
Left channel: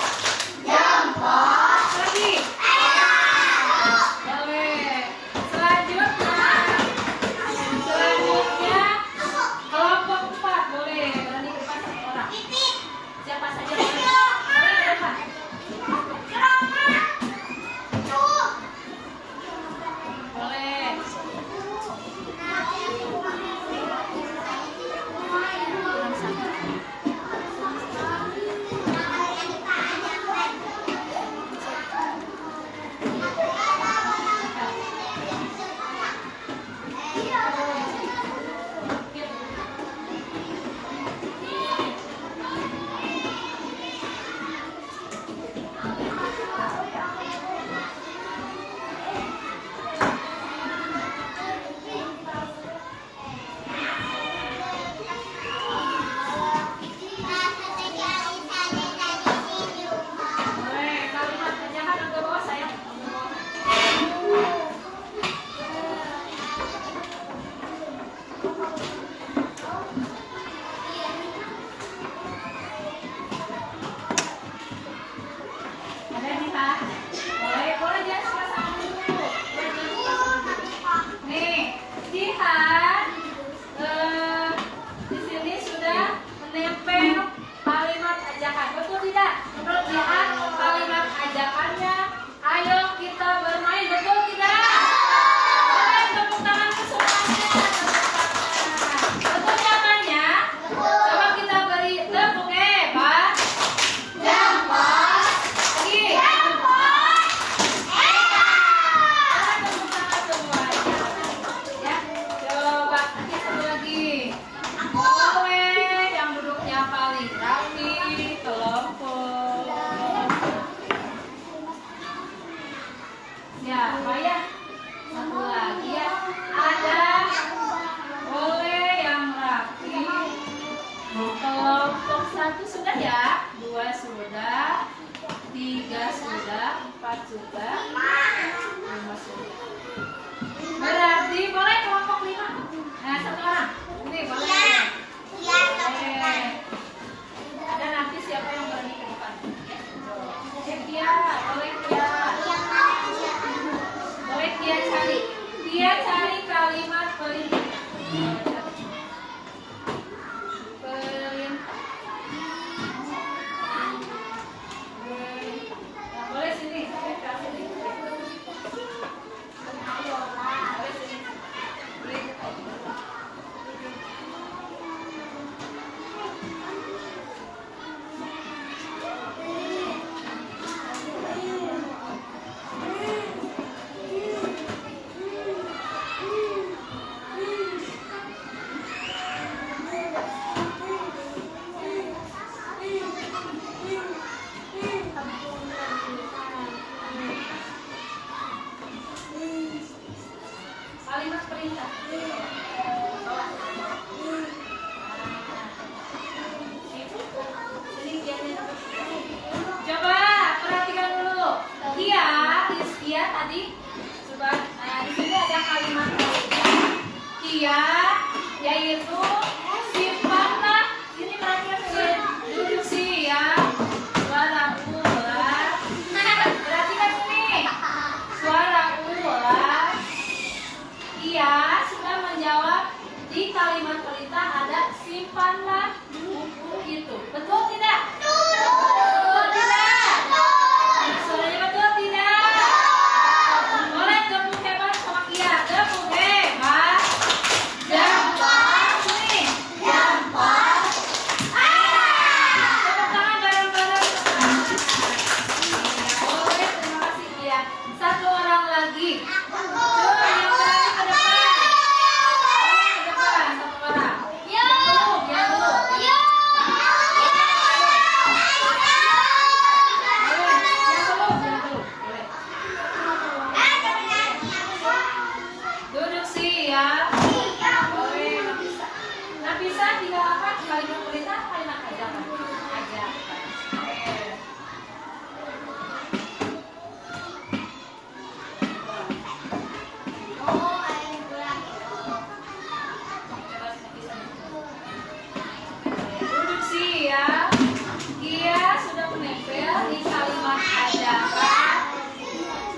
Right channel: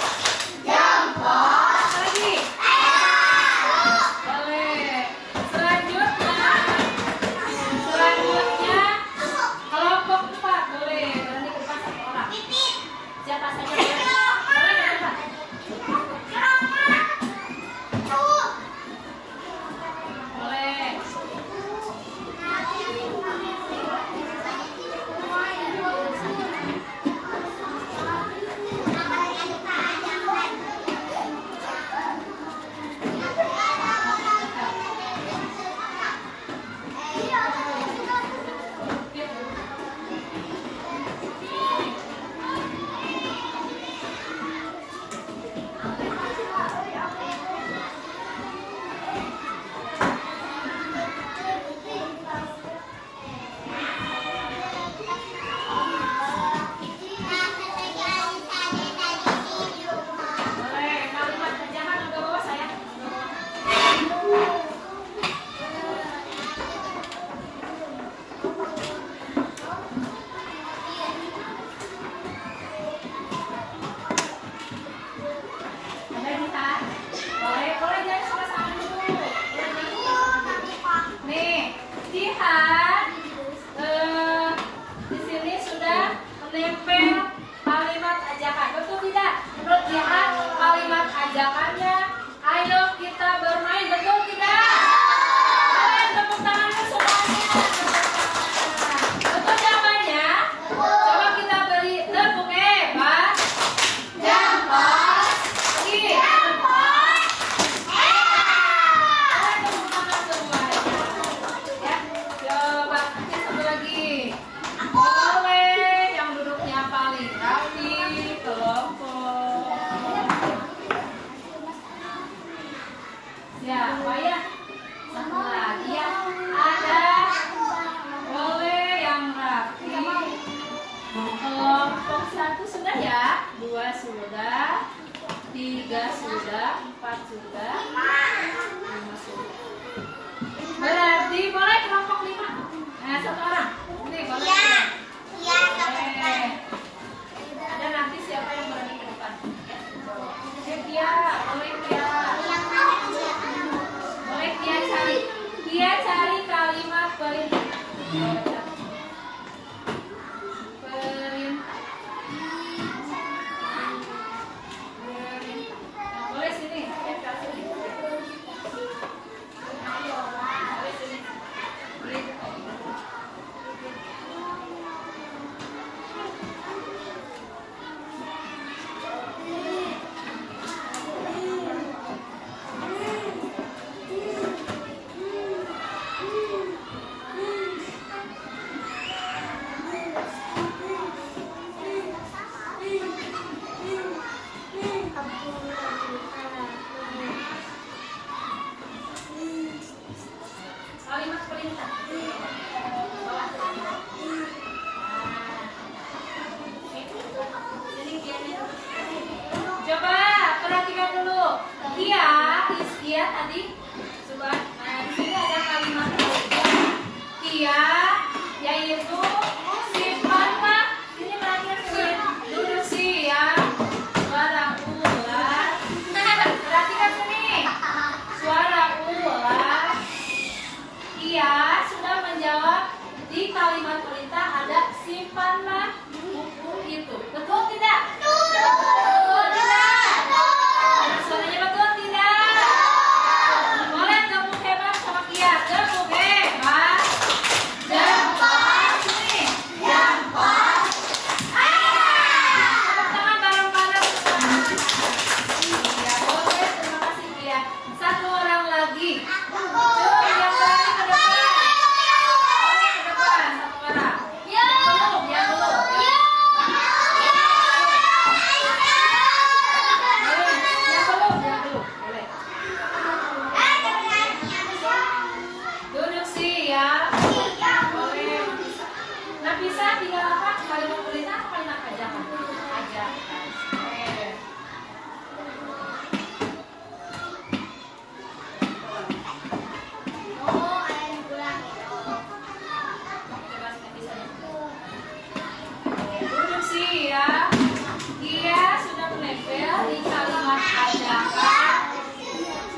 Gampang. Lagi. Boleh. Selanjutnya kelompok 4 boleh berani ke depan satu orang. Siapa saja boleh. Boleh ke depan. Boleh. Boleh. Kalimat jangan ambil bawah saya. Ambil bawah. Ada bisa? Boleh, boleh jangan suka sama dulu. Boleh jangan suka sama dulu. Nih, lihat. Di sini sudah menempel kalimat ajakan. Betul tidak? Menurut lihat kalimat ajakannya, ayo kita bermain. Betul tidak? Boleh tepuk tangan ke semuanya. Tepuk tangan. Betul jawabannya? Coba kita beri tepuk hebat. Gampang. Lagi. Tepuk tangan semuanya. Ya, coba nanti satu lagi. Boleh yang duduknya paling rapi kelompok. Siapa ya? Satu lagi ya. Ada. Boleh yang rapi. Kelompok 1 sudah ya. 2 sudah. 3 sudah. 4 sudah. 5 sudah. Berarti boleh kelompok 5. Nah, satu orang. Nih, boleh. Boleh. Ada nanti siapa yang berani ke depan? Ya. Pia, boleh Pia. Boleh Pia cari. Pia cari kalimat perintah. Perintah. Nah, boleh sini. Pia sini. Boleh sini. Boleh. perintah. Bawah. Nah. Sini dia. Coba perhatikan dulu. Dia tadi coba. Nah, di sini ada kalimat dia yaitu simpanlah. Ini perhatikan duduk siap. Suara ular. Perhatikan sini. Suara ular. Ia sudah menjawab di kalimat perintah ada simpanlah buku itu. Betul tidak? Betul tidak? Suaranya betul tidak? Boleh tepuk hebat sama Kia. Tepuk hebat. Jempol. Sini. Jempol. Tepuk tangan bareng-bareng. Ya, boleh. Terima kasih Kia. Satu orang lagi. Coba yang berani ke depan. Ke depan satu orang. Yang belum. Boleh. Yang belum. Boleh. Duduk siap. Boleh. Nafisa tinggal apa? Kalimat perintah, kalimat ajakan. Ajakan. Duduk siap. Ia sudah menempel di kalimat ajakan.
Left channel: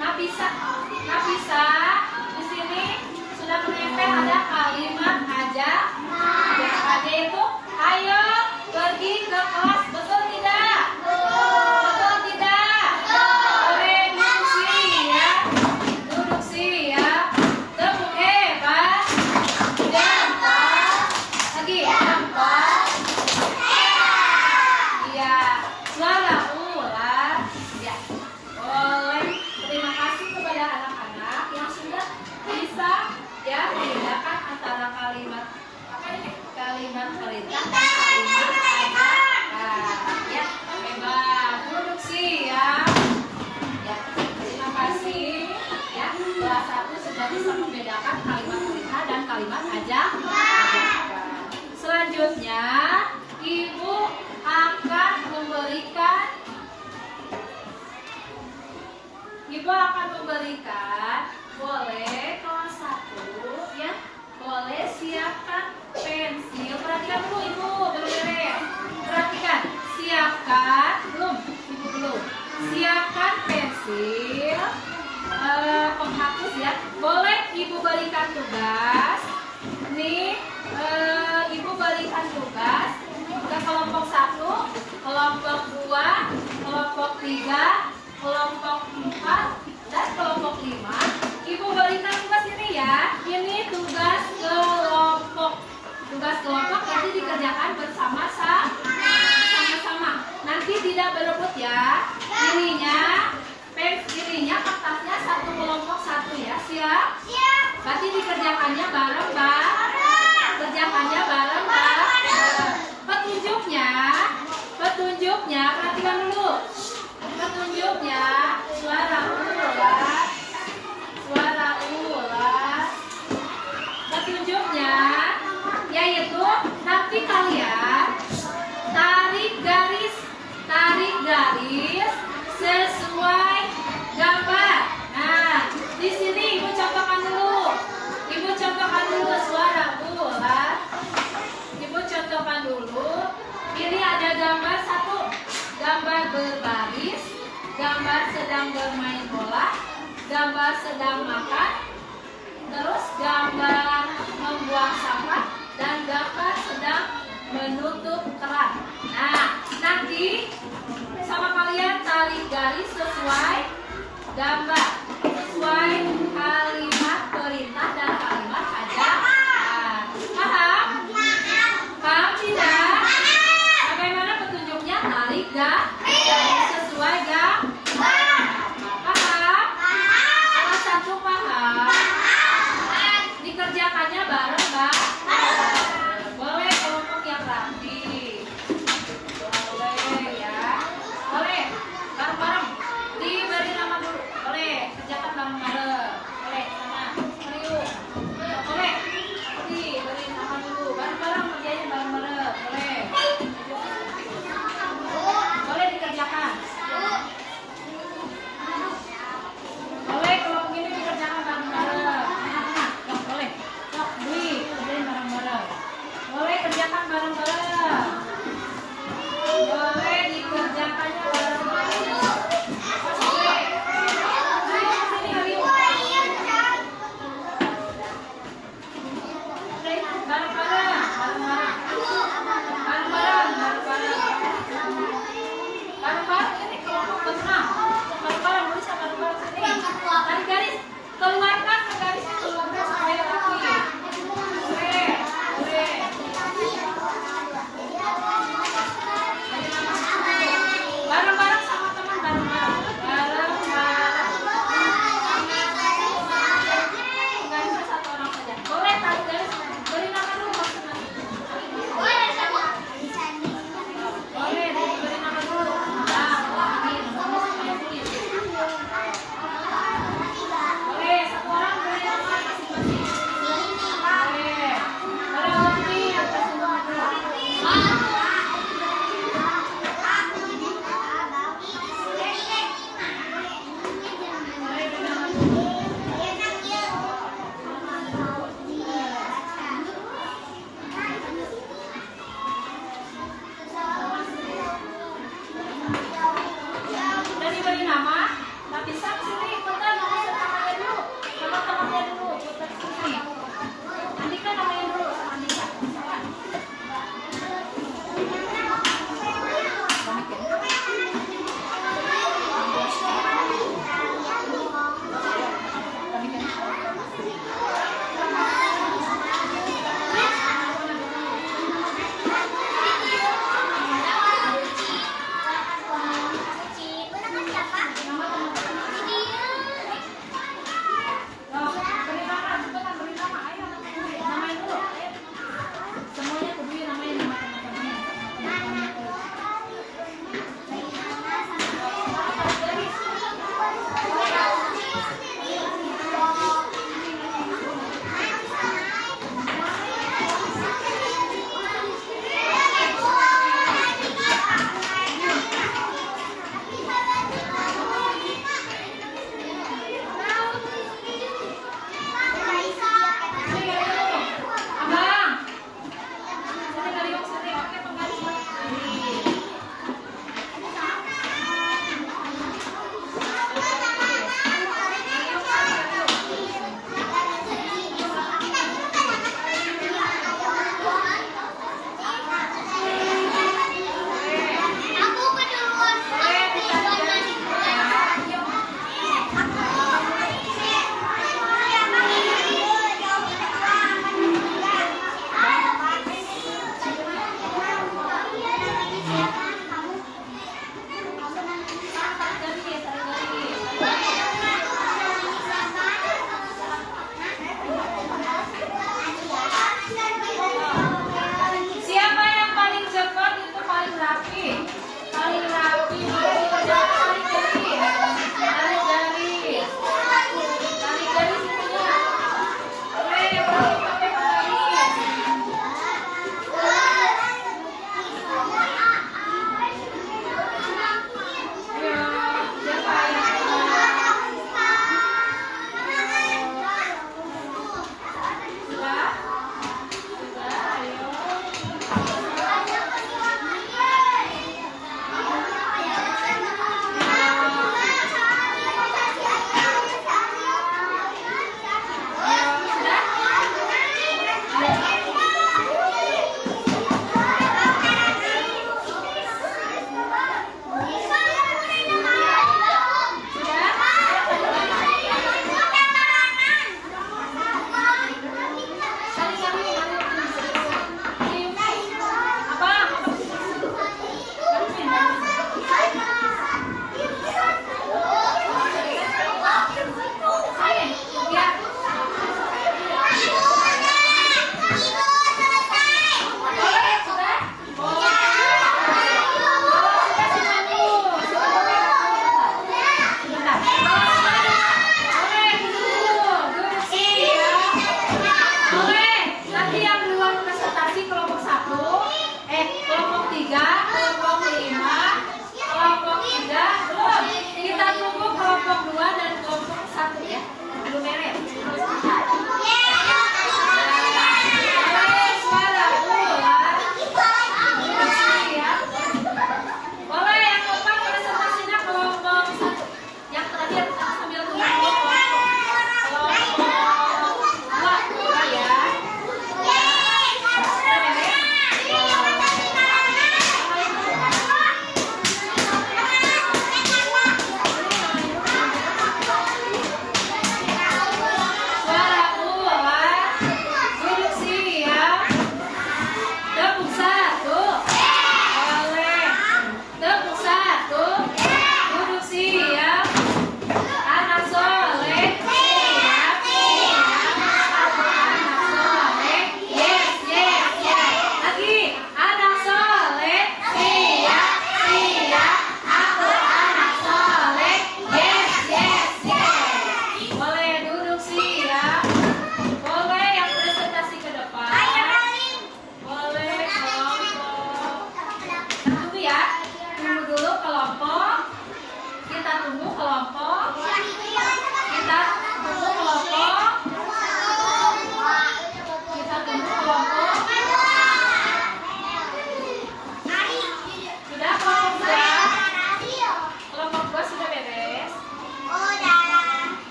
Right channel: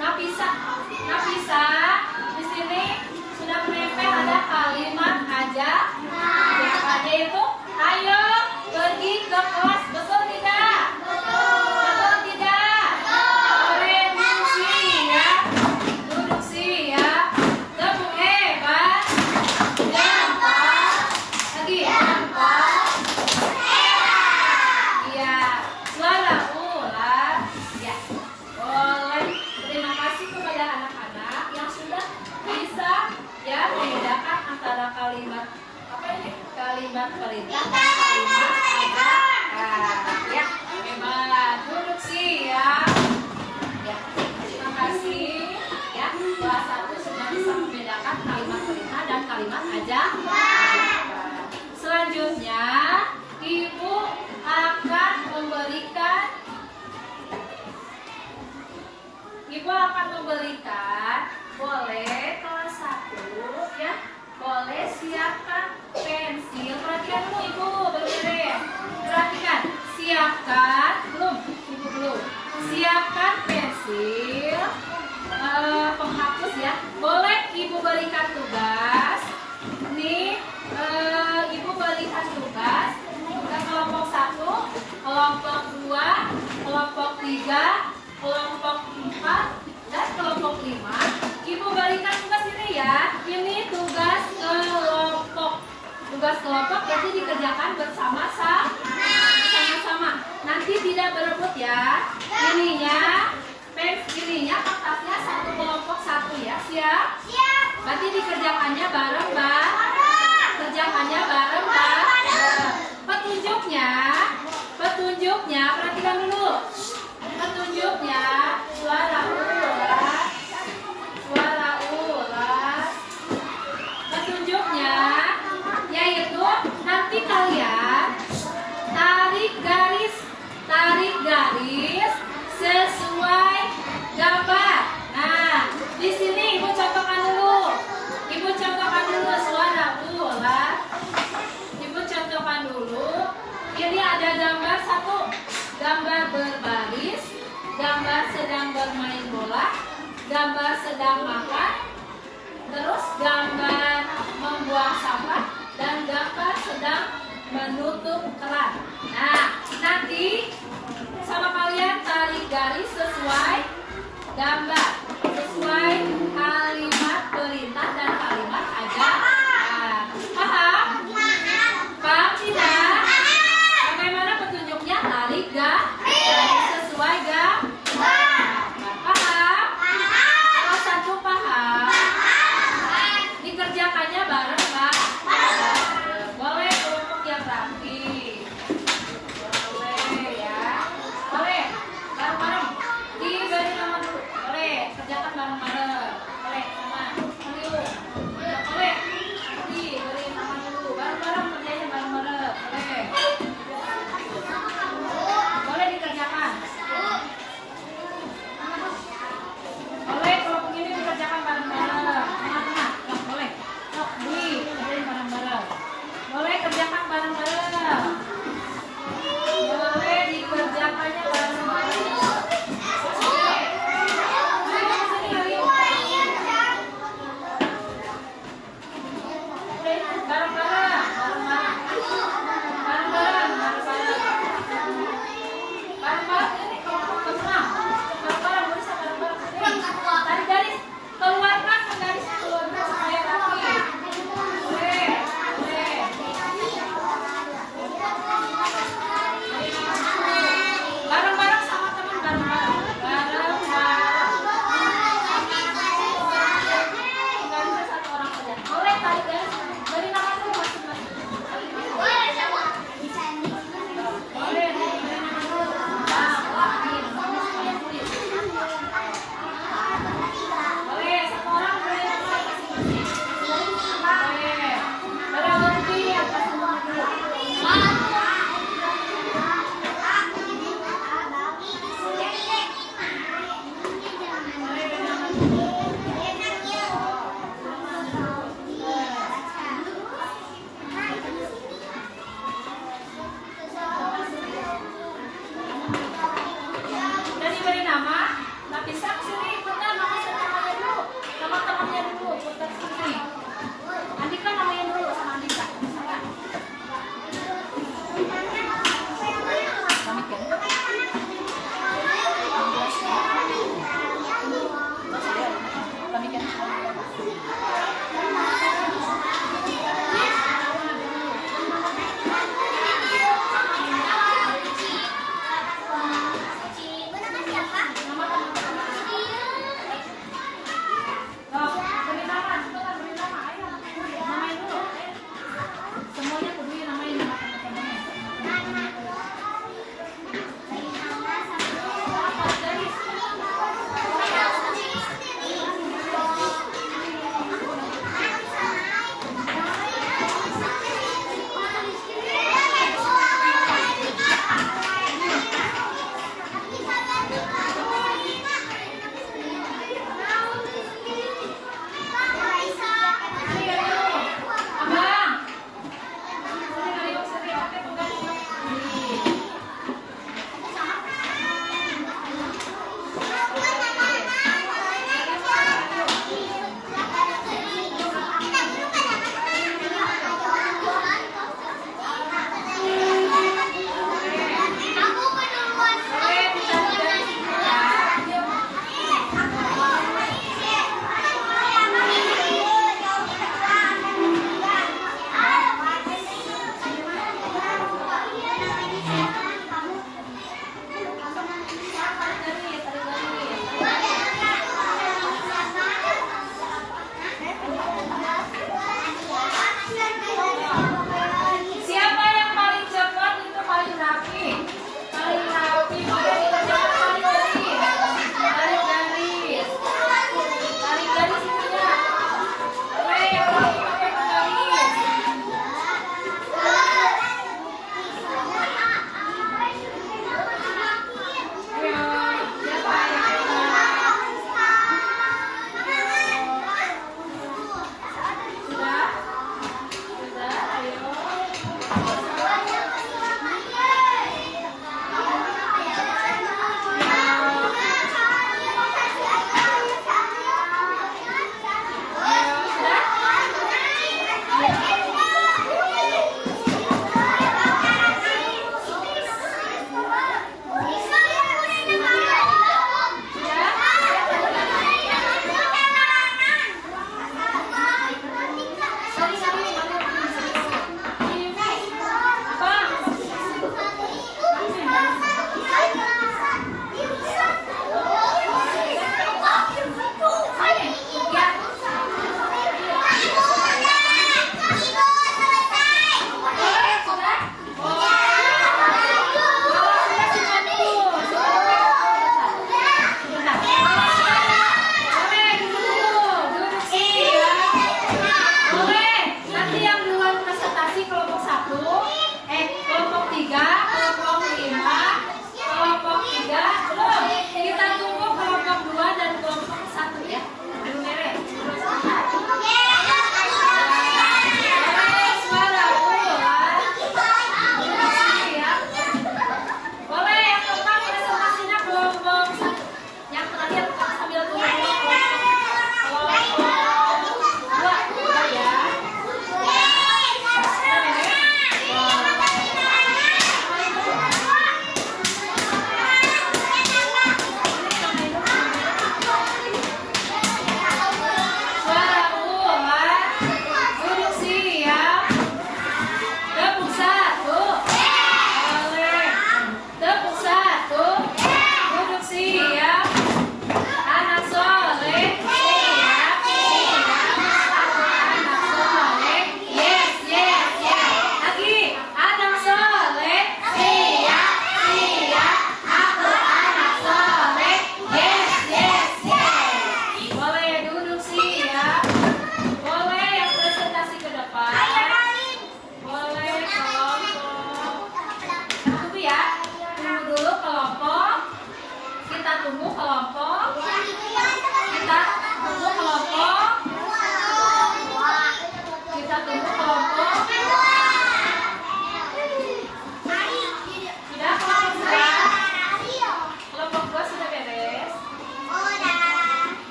Nafisa, di sini sudah menempel ada kalimat ajakan, yaitu ayo pergi ke kelas. Betul tidak? Betul tidak? Duduk siap. Duduk siap. Tepuk hebat. Jempol. Lagi jempol. Iya, suara ular. Ya, boleh. Terima kasih kepada anak-anak yang sudah bisa ya membedakan antara kalimat apa ini? Kalimat perintah dan kalimat ajakan. Ya, hebat. Duduk siap. Ya, terima kasih. Ya, kelas 1 sudah bisa membedakan kalimat perintah dan kalimat ajakan. Selanjutnya, Ibu akan memberikan boleh kelas 1 ya, boleh siapkan pensil. Perhatikan dulu Ibu, belum. Perhatikan, siapkan belum, Ibu belum. Siapkan pensil, penghapus ya. Boleh Ibu berikan tugas. Nih, Ibu berikan tugas ke kelompok 1, kelompok 2, kelompok 3, kelompok 4, dan kelompok 5. Ibu berikan tugas ini ya. Ini tugas kelompok. Tugas kelompok berarti dikerjakan bersama-sama. Nanti tidak berebut ya. Ininya kertasnya satu kelompok 1 ya. Siap? Siap. Berarti dikerjakannya bareng-bareng. Kerjakannya bareng-bareng. Petunjuknya perhatikan dulu. Petunjuknya suara ular. Petunjuknya yaitu nanti kalian tarik garis sesuai gambar. Nah, di sini Ibu contohkan dulu. Suara ular. Ibu contohkan dulu. Ini ada gambar 1, gambar berbaris, gambar sedang bermain bola, gambar sedang makan, terus gambar membuang sampah, dan gambar sedang menutup keran. Nah, nanti sama kalian tarik garis sesuai gambar, sesuai kalimat perintah dan kalimat ajakan. Paham? Paham tidak? Bagaimana petunjuknya? Tarik garis sesuai gambar. Paham? Kalau 1 paham, dikerjakannya bareng-bareng. Boleh kelompok yang rapi. Boleh ya. Boleh bareng-bareng. Diberi nama dulu. Boleh kerjakan bareng-bareng. Boleh sama. Ayo.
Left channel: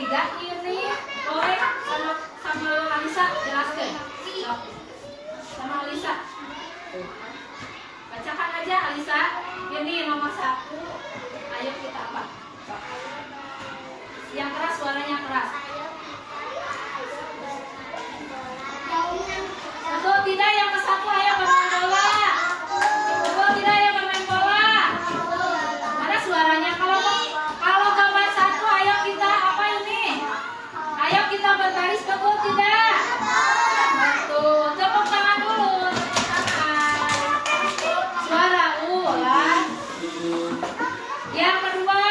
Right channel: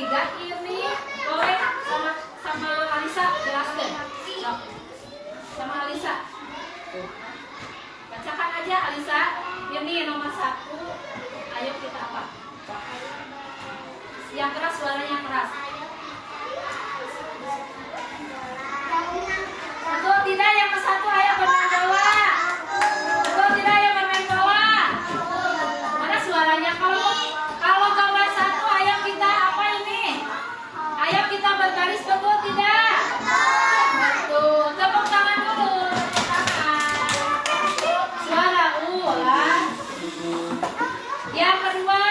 ketiga ini boleh sama Alisa jelaskan. Sok. Sama Alisa. Bacakan aja Alisa. Ini nomor 1. Ayo kita apa? Sok. Yang keras, suaranya keras. Betul tidak yang ke 1 ayo bermain bola. Betul tidak ayo bermain bola. Mana suaranya? Kalau gambar 1 ayo kita apa ini? Ayo kita berbaris, betul tidak? Betul. Tepuk tangan dulu. Tepuk tangan. Suara ulang. Yang kedua.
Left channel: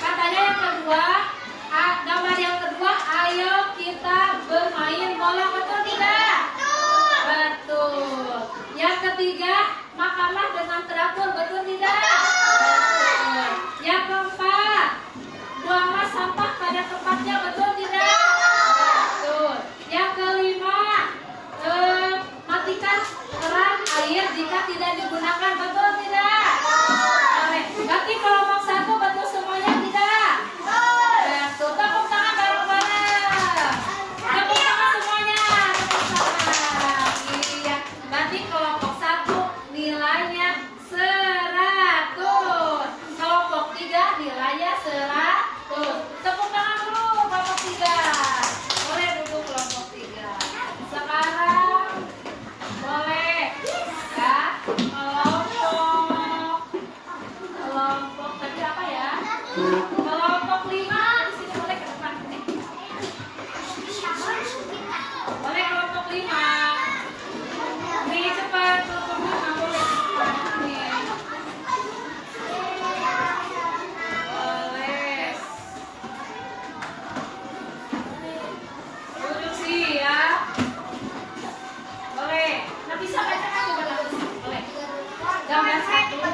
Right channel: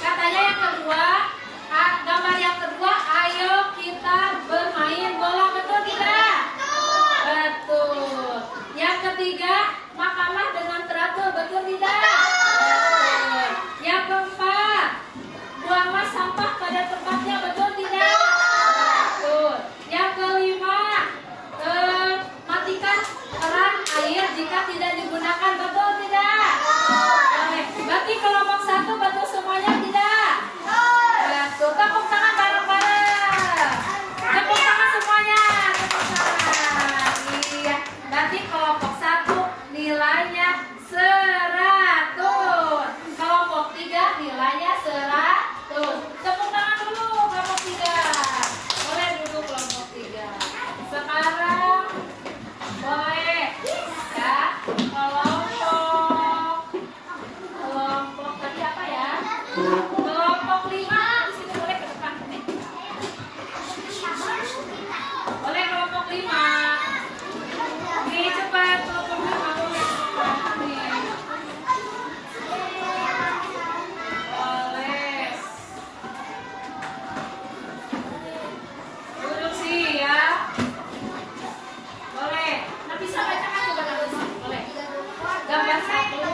Katanya yang kedua. Gambar yang kedua. Ayo kita bermain bola, betul tidak? Betul. Yang ketiga. Makanlah dengan teratur, betul tidak? Betul. Yang keempat. Buanglah sampah pada tempatnya, betul tidak? Betul. Yang kelima, matikan keran air jika tidak digunakan, betul tidak? Boleh. Berarti kelompok 1 betul semuanya tidak? Betul. Tepuk tangan bareng-bareng. Tepuk tangan semuanya. Tepuk tangan. Iya. Berarti kelompok 1 nilainya 100. Kelompok 3 nilainya 100. Tepuk tangan dulu kelompok 3. Boleh duduk kelompok 3. Sekarang boleh ya kelompok tadi apa ya? Kelompok 5 di sini boleh ke depan sini. Boleh kelompok 5. Ini cepat kelompok 5 boleh cepat nih. Boleh. Duduk siap. Boleh. Nah bisa bacakan coba lagi. Boleh. Gambar 1.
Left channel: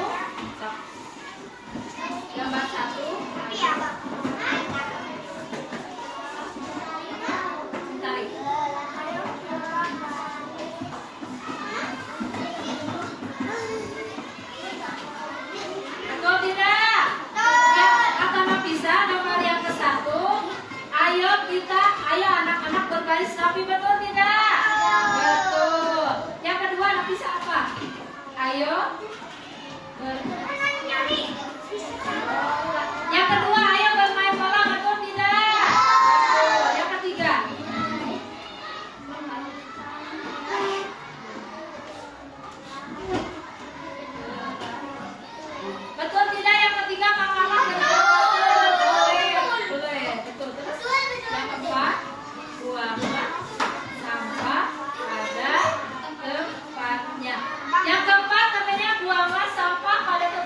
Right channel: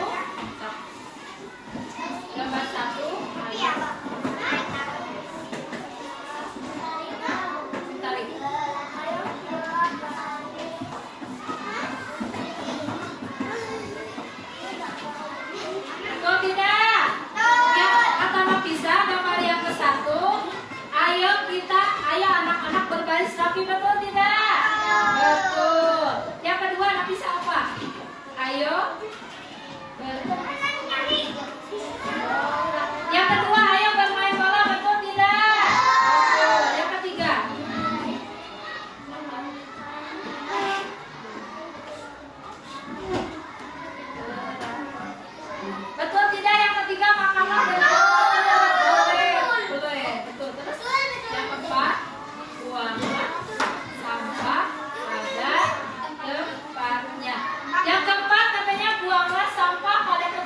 Gambar 1. Ayo. Tarik. Betul tidak? Ya, kata Nafisa gambar yang ke-1. Ayo anak-anak berbaris rapi, betul tidak? Betul. Yang kedua Nafisa apa? Ayo yang kedua ayo bermain bola, betul tidak? Betul. Yang ketiga betul tidak? Yang ketiga makanlah dengan boleh. Betul. Terus yang keempat buanglah sampah pada tempatnya. Yang keempat katanya buanglah sampah pada tempatnya.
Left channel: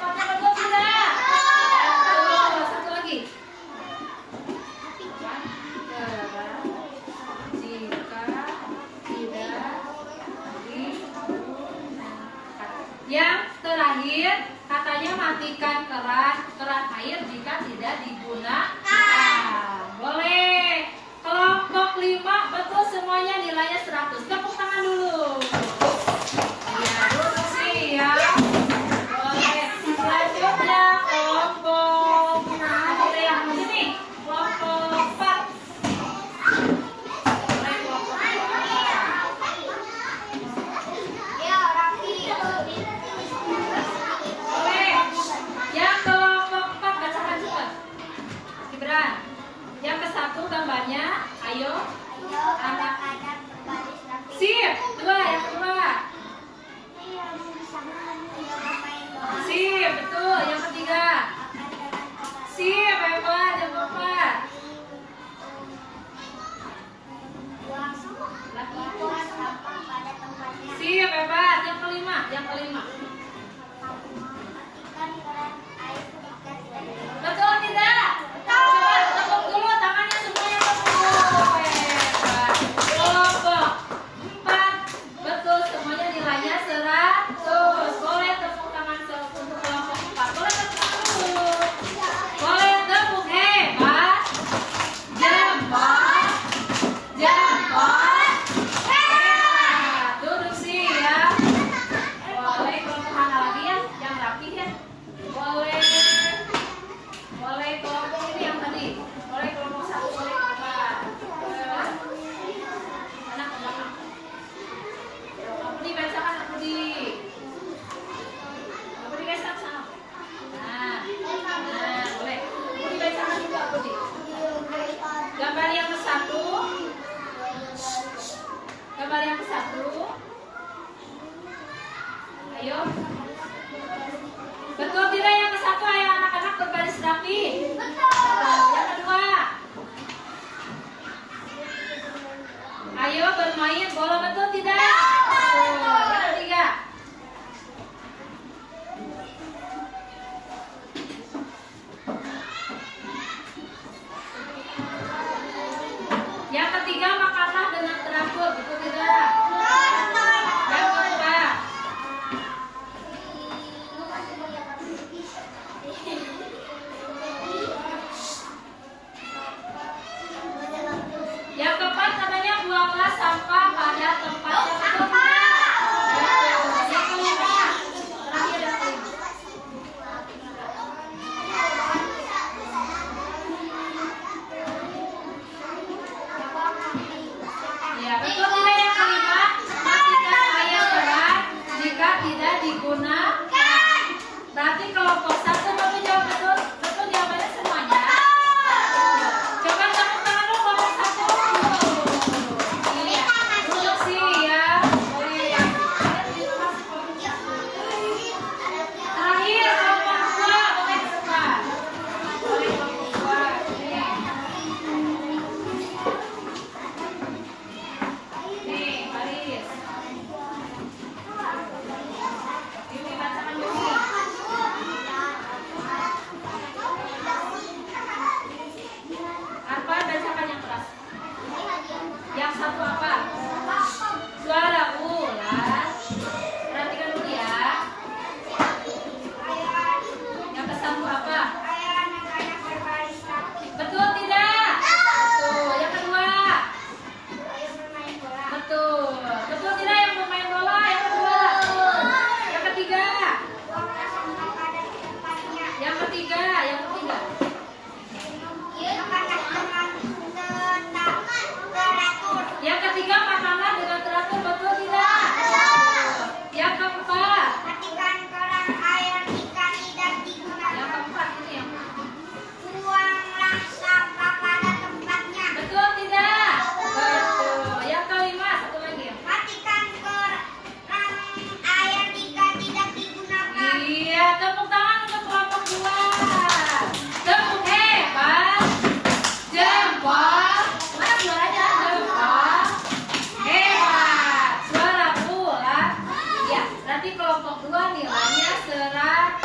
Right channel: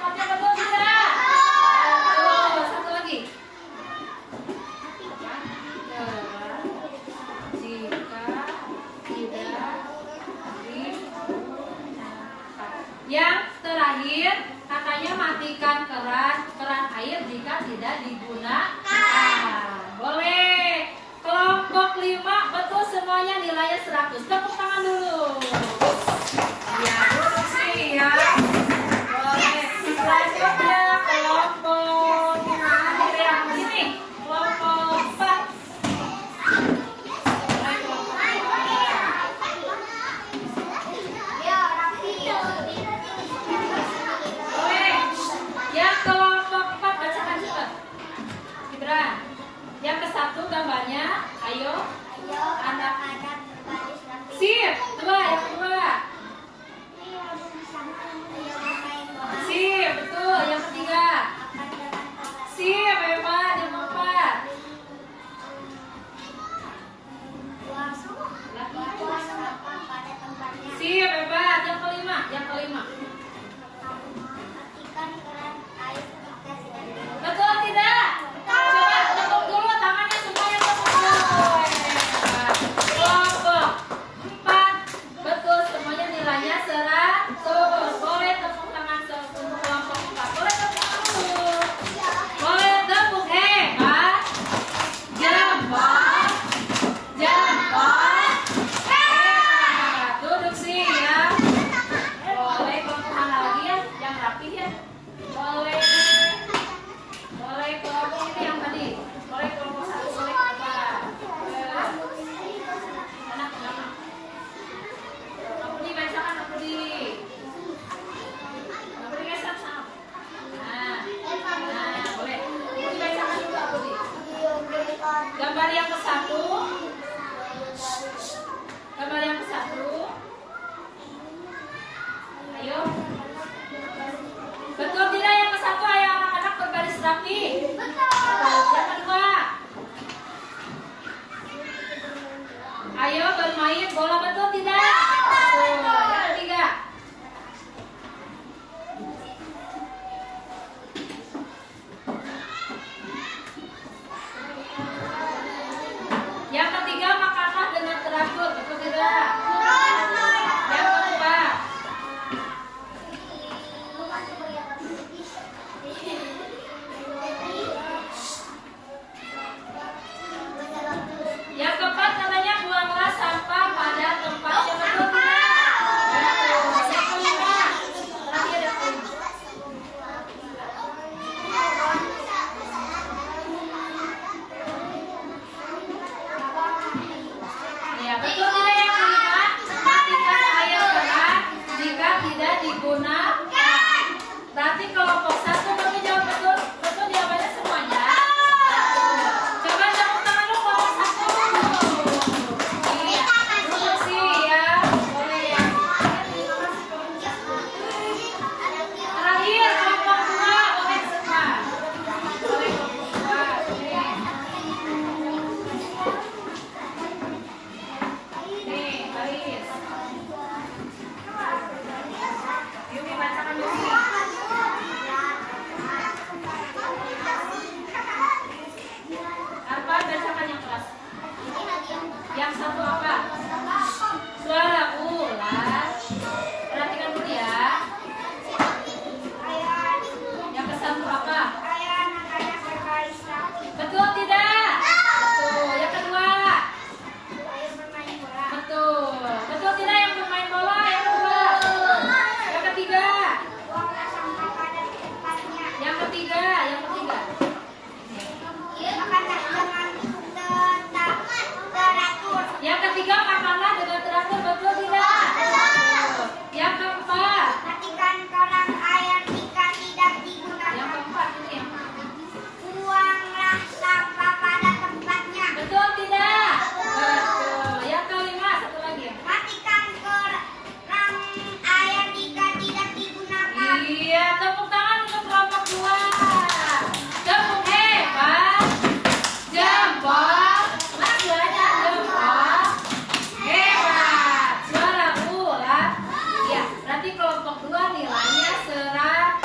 Yang ketiga, makanlah dengan teratur, betul tidak? Yang keempat, katanya buanglah sampah pada tempatnya, betul tidak? Yang kelima, terakhir yang kelima. Ya, betul tidak yang kelima? Matikan air keran jika tidak digunakan. Berarti kelompok satu kami jawab betul. Betul jawabannya semuanya. Coba tepuk tangan dulu kelompok satu. Iya, duduk siap. Boleh. Terakhir kelompok dua oleh sekarang. Oleh kelompok dua. Nih, Baris. Yumi bacakan Yumi. Arfan bacakan yang keras. Yang satu apa? Suara ular. Perhatikan dulu ya. Yang ke satu apa? Betul tidak? Betul. Yang kedua? Betul. Betul tidak yang bermain bola? Yang kedua? Yang ketiga? Yang ketiga? Yang ketiga? Yang ketiga, makanlah dengan teratur, betul tidak? Yang keempat? Matikan keran air jika tidak digunakan. Yang keempat ini yang Buanglah sampah pada tempatnya. betul tidak? Betul. Yang kelima, satu lagi ya. Matikan keran air jika tidak digunakan. Iya, tepuk tangan untuk kelompok dua. Tepuk hebat. Jempol. Mana suaranya? Jempol. Hebat. Suara ular. Ya, berarti kelompok dua nilainya 100.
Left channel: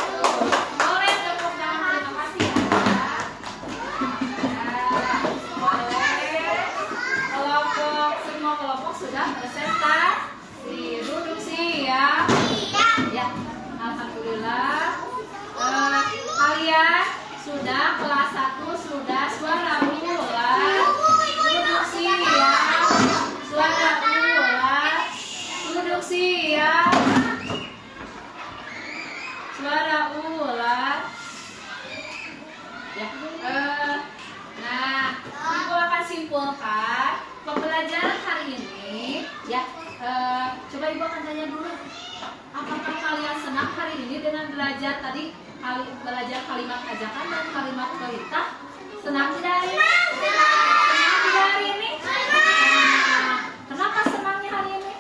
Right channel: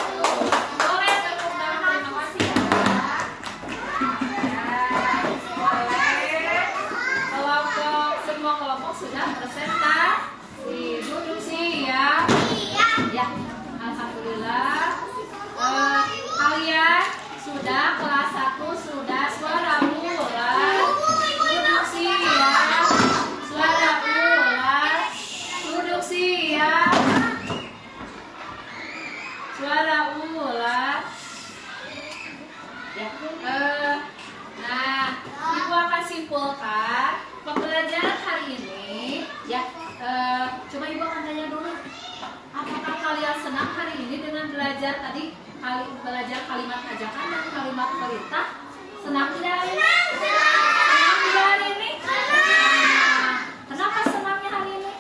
Boleh tepuk tangan, terima kasih ya. Ya, boleh. Semua kelompok sudah presentasi. Duduk siap. Ya, alhamdulillah. Kalian sudah kelas 1 sudah suara ular. Duduk siap. Suara ular. Duduk siap. Suara ular. Ya. Nah, Ibu akan simpulkan pembelajaran hari ini. Ya. Coba Ibu akan tanya dulu. Apakah kalian senang hari ini dengan belajar tadi belajar kalimat ajakan dan kalimat perintah? Senang tidak hari ini? Senang tidak hari ini? Nah, kenapa senangnya hari ini?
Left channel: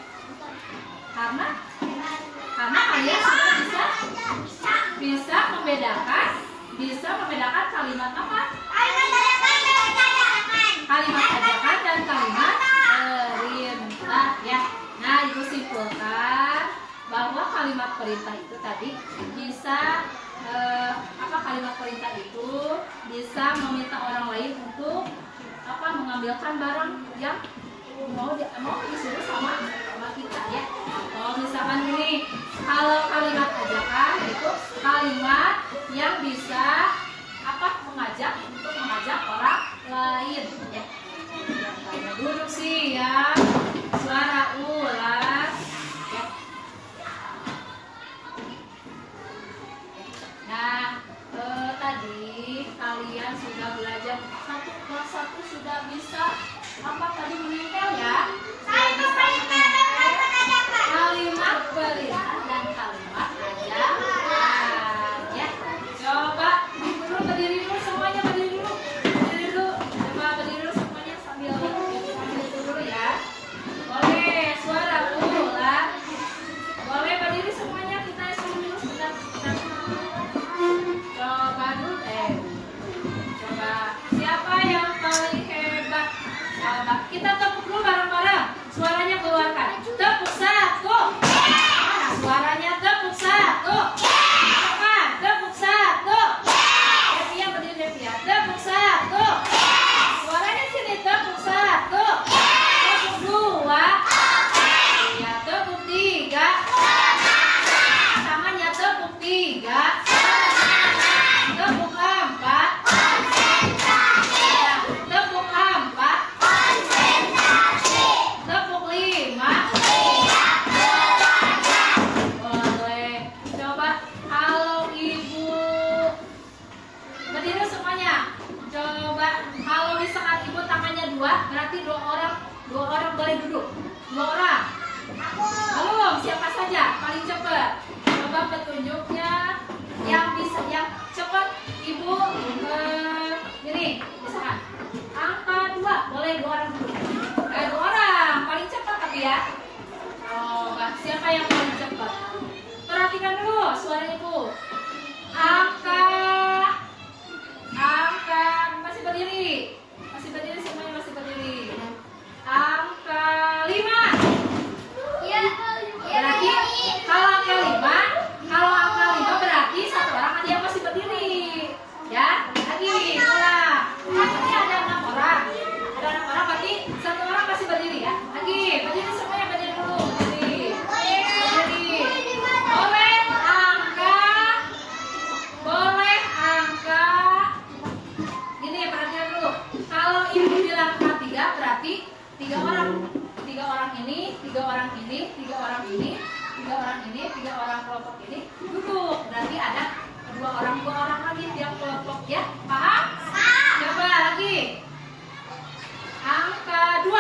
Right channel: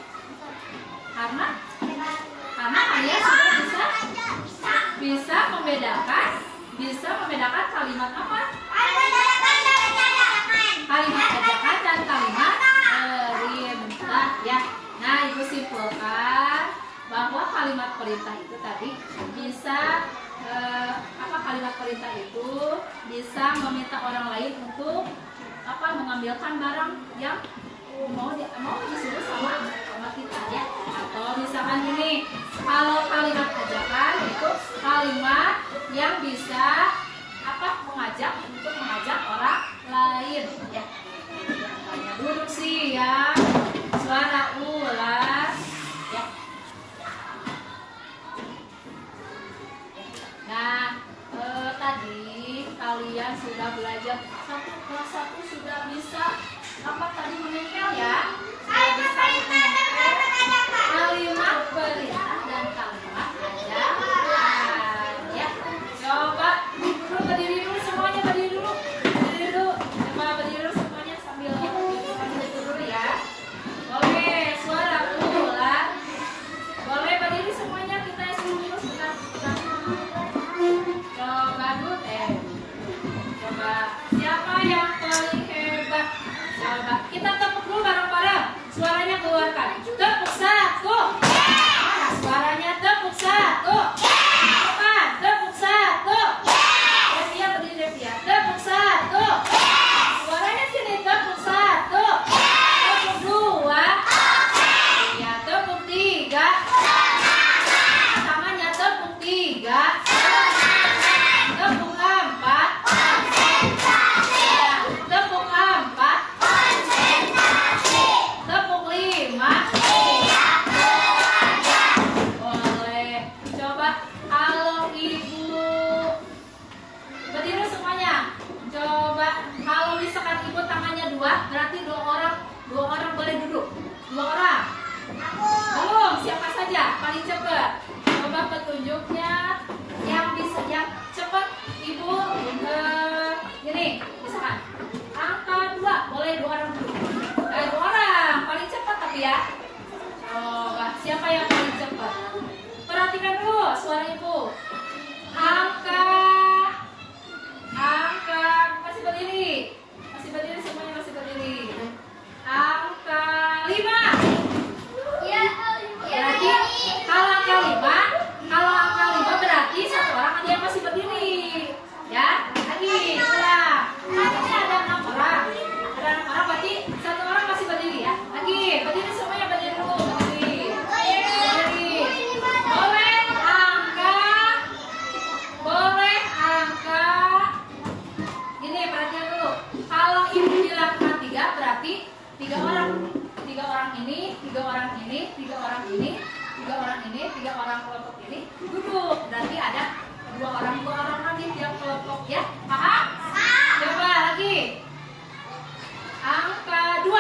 Karena kalian sudah bisa membedakan kalimat apa? Kalimat ajakan dan kalimat perintah ya. Nah, Ibu simpulkan bahwa kalimat perintah itu tadi bisa kalimat perintah itu bisa meminta orang lain untuk mengambilkan barang yang mau disuruh sama kita ya. Atau misalkan ini, kalau kalimat ajakan itu kalimat yang bisa mengajak orang lain ya. Yang duduk siap. Suara ular ya. Nah, tadi kalian sudah belajar kelas 1 sudah bisa menempel ya. Sudah bisa menempel kalimat perintah dan kalimat ajakan ya. Coba berdiri dulu semuanya, berdiri dulu. Coba berdiri dulu semuanya sambil itu dulu ya. Boleh suara ular. Boleh berdiri semuanya, kita dulu sebentar. Coba dulu coba siapa yang paling hebat? Coba kita tepuk dulu bareng-bareng. Suaranya keluarkan. Tepuk 1. Mana suaranya? Tepuk 1. Cepat, tepuk 1. Devia berdiri Devia. Tepuk 1. Suaranya sini, tepuk 1. kedua berarti dua orang boleh duduk. 2 orang. Belum, siapa saja paling cepat? Coba petunjuknya yang cepat Ibu gini, misalkan angka 2 boleh 2 orang duduk. 2 orang paling cepat tapi ya. Coba siapa yang paling cepat? Perhatikan dulu suara Ibu. Angka masih berdiri semuanya masih berdiri. Angka 5. Berarti kalau angka 5 berarti 1 orang ada yang masih berdiri. Ya, lagi ulang. Katanya ada 6 orang. Ada 6 orang berarti 1 orang masih berdiri ya. Lagi, berdiri semuanya berdiri dulu, berdiri. Boleh angka. Gini, perhatikan dulu. Kalau Ibu bilang angka 3 berarti 3 orang. 3 orang ini, 3 orang ini, 3 orang ini, 3 orang ini, 3 orang kelompok ini duduk. Berarti ada 2 orang lagi tiap kelompok ya. Paham? Coba lagi. Angka 2.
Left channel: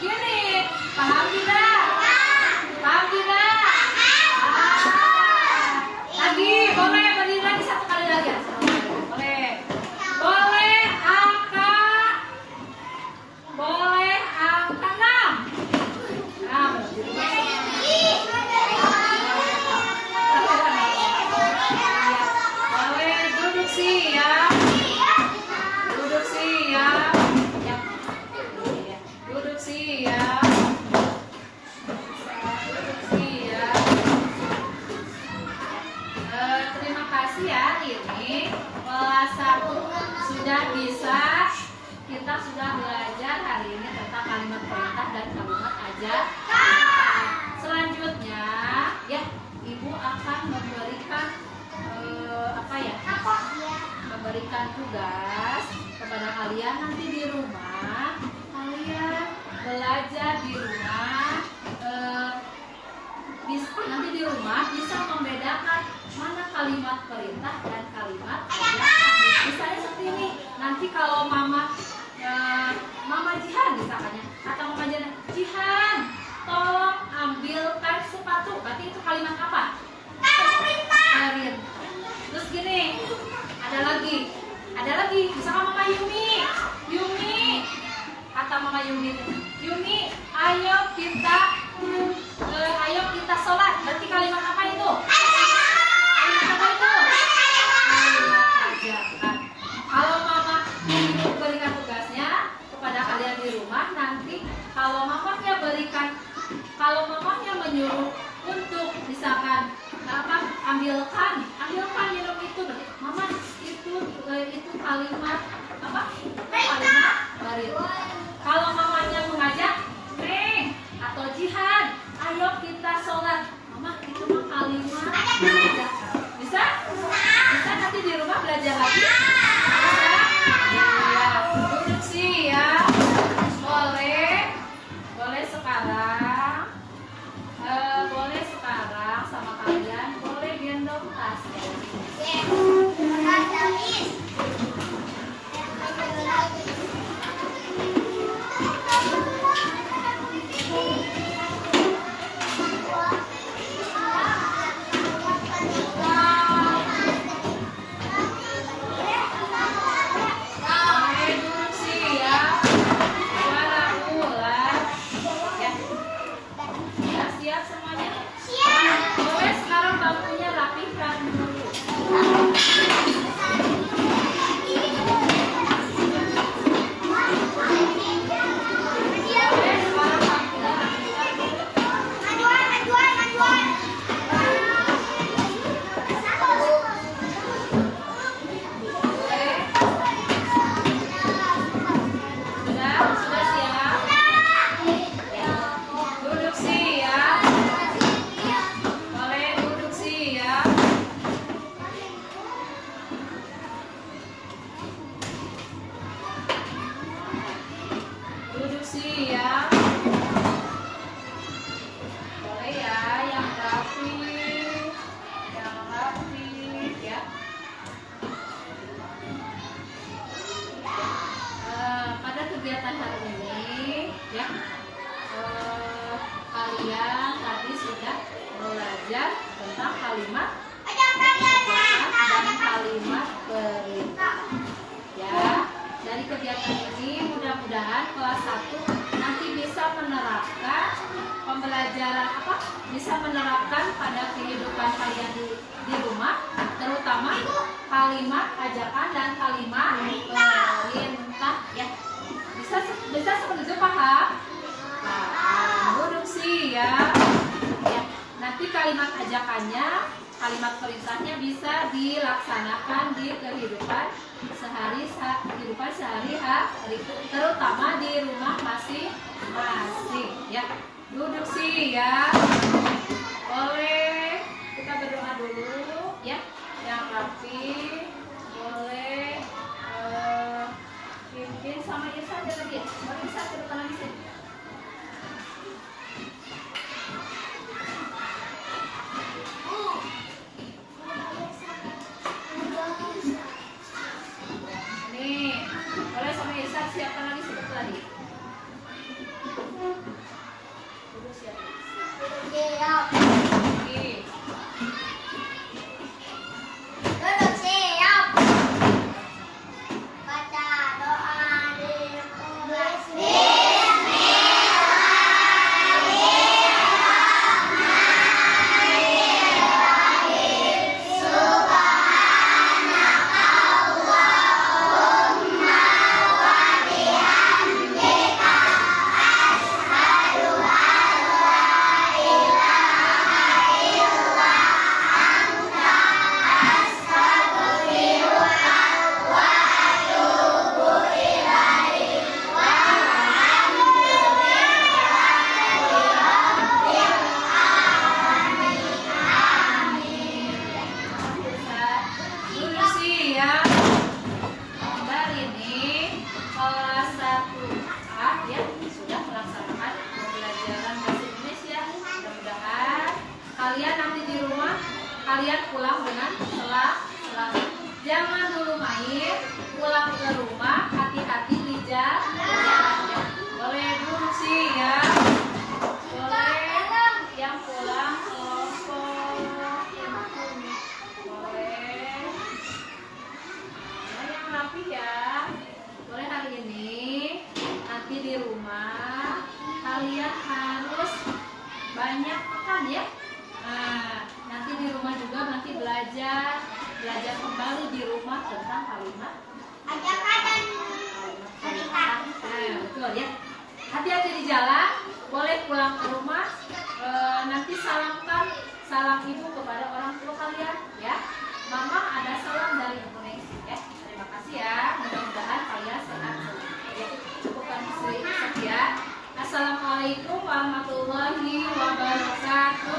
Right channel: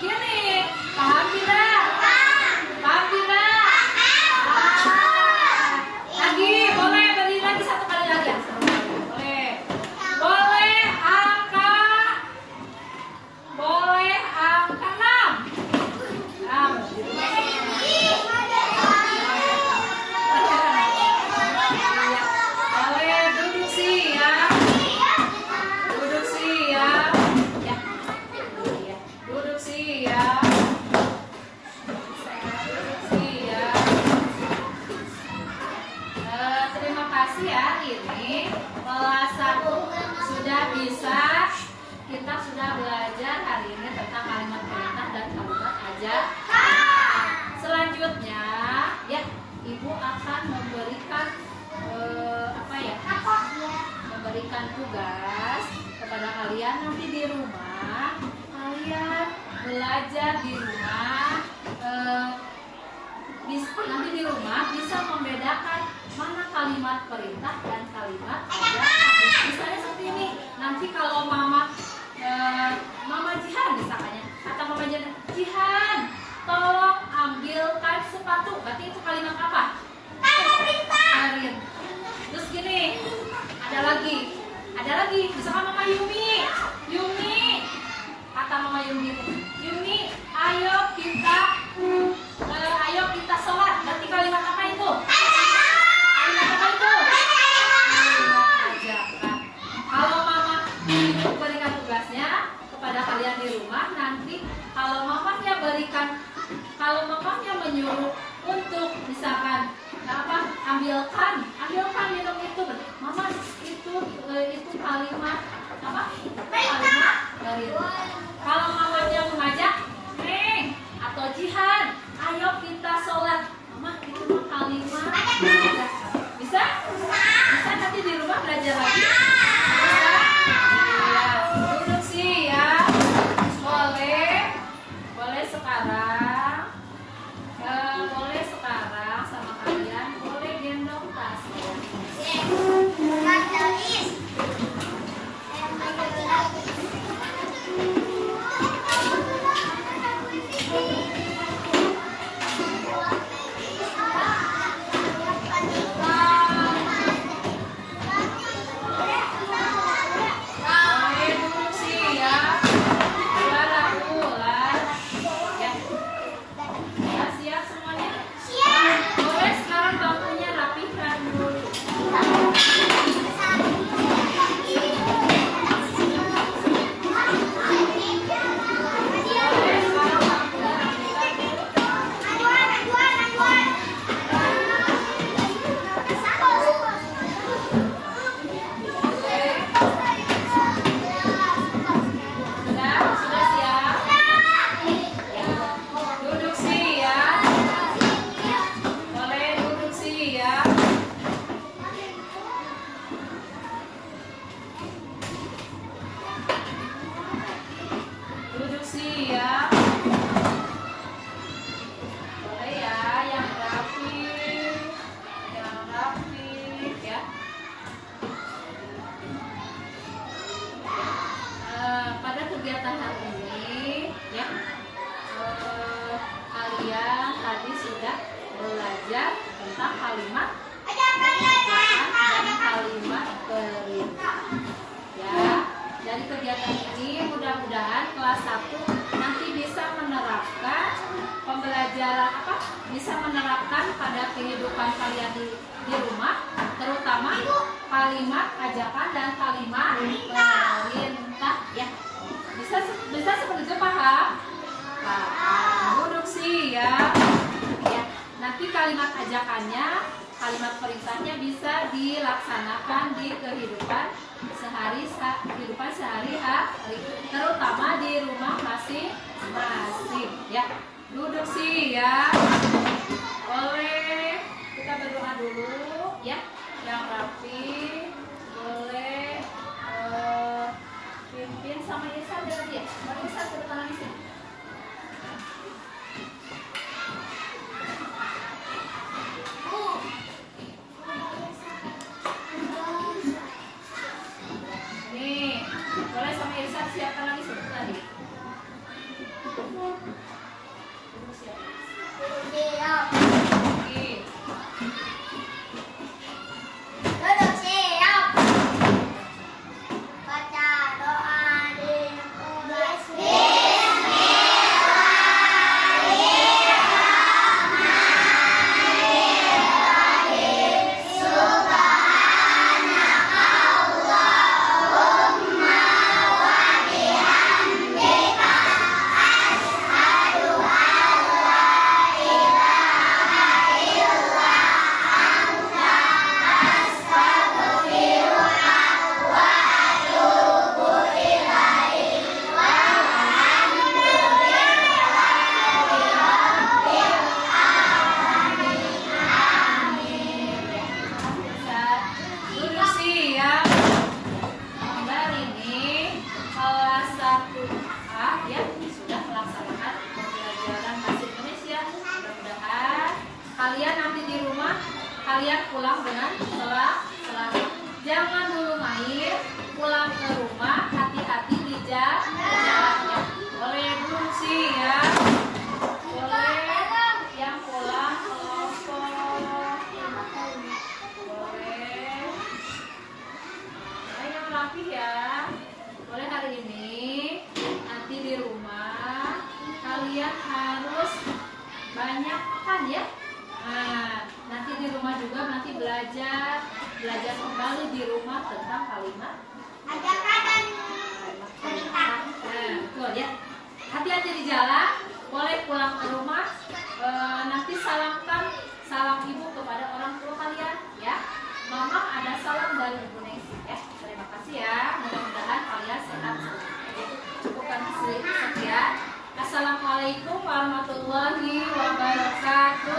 Gini, paham tidak? Paham tidak? Lagi, boleh berdiri lagi 1 kali lagi ya. Boleh angka 6. Boleh duduk siap. Duduk siap. Ya. Duduk siap. Duduk siap. Terima kasih ya, ini kelas 1 sudah bisa. Kita sudah belajar hari ini tentang kalimat perintah dan kalimat ajar. Selanjutnya ya, Ibu akan memberikan memberikan tugas kepada kalian nanti di rumah. Kalian belajar di rumah, nanti di rumah bisa membedakan mana kalimat perintah dan kalimat ajar. Misalnya seperti ini. Nanti kalau Mama Jihan misalnya, atau Mama Jihan, tolong ambilkan sepatu. Berarti itu kalimat apa? Arin. Terus gini, ada lagi. Misalkan Mama Yumi, kata Mama Yumi, ayo kita sholat. Berarti kalimat apa itu? Kalimat apa itu? Kalimat ajakan. Kalau Mama berikan tugasnya kepada kalian di rumah, nanti kalau mamanya menyuruh untuk misalkan ambilkan minum itu, berarti Mama itu kalimat apa? Kalimat perintah. Kalau mamanya mengajak, Neng atau Jihan, ayo kita sholat. Mama itu mah kalimat ajakan. Bisa nanti di rumah belajar lagi. Duduk siap. Boleh sekarang. Boleh sekarang sama kalian. Boleh gendong tas ya. belajar tentang kalimat ajakan dan kalimat perintah. Ya, dari kegiatan ini mudah-mudahan kelas 1 nanti bisa menerapkan pembelajaran bisa menerapkan pada kehidupan kalian di rumah, terutama kalimat ajakan dan kalimat perintah ya. Bisa seperti itu, paham? Duduk siap ya. Nanti kalimat ajakannya, kalimat perintahnya bisa dilaksanakan di kehidupan sehari-hari, terutama di rumah masing-masing ya. Duduk siap. Boleh kita berdoa dulu ya, yang rapi. Boleh pimpin sama Irsan tadi ya. Mari Irsan ke depan di sini. Nih, boleh sama Irsan siapkan lagi sebentar lagi. Siap. Oke. Duduk siap. Baca doa dimulai. Duduk siap. Hari ini kelas 1A ya sudah melaksanakan pembelajaran bahasa Indonesia. Mudah-mudahan kalian nanti di rumah kalian pulang dengan selamat. Jangan dulu main, pulang ke rumah hati-hati di jalan ya. Boleh duduk siap. Boleh yang pulang kelompok. Boleh. Yang rapi ya. Boleh hari ini. Nanti di rumah kalian harus banyak makan ya. Nah, nanti di rumah juga nanti belajar kembali di rumah tentang kalimat Ajakan dan perintah. Nah, betul ya. Hati-hati di jalan. Boleh pulang ke rumah. Nanti salam ibu kepada orang tua kalian ya. Mama ada salam dari Ibu Nengsi ya. Terima kasih ya. Mudah-mudahan kalian sehat selalu. Ya, cukupkan sekian. Assalamualaikum warahmatullahi wabarakatuh.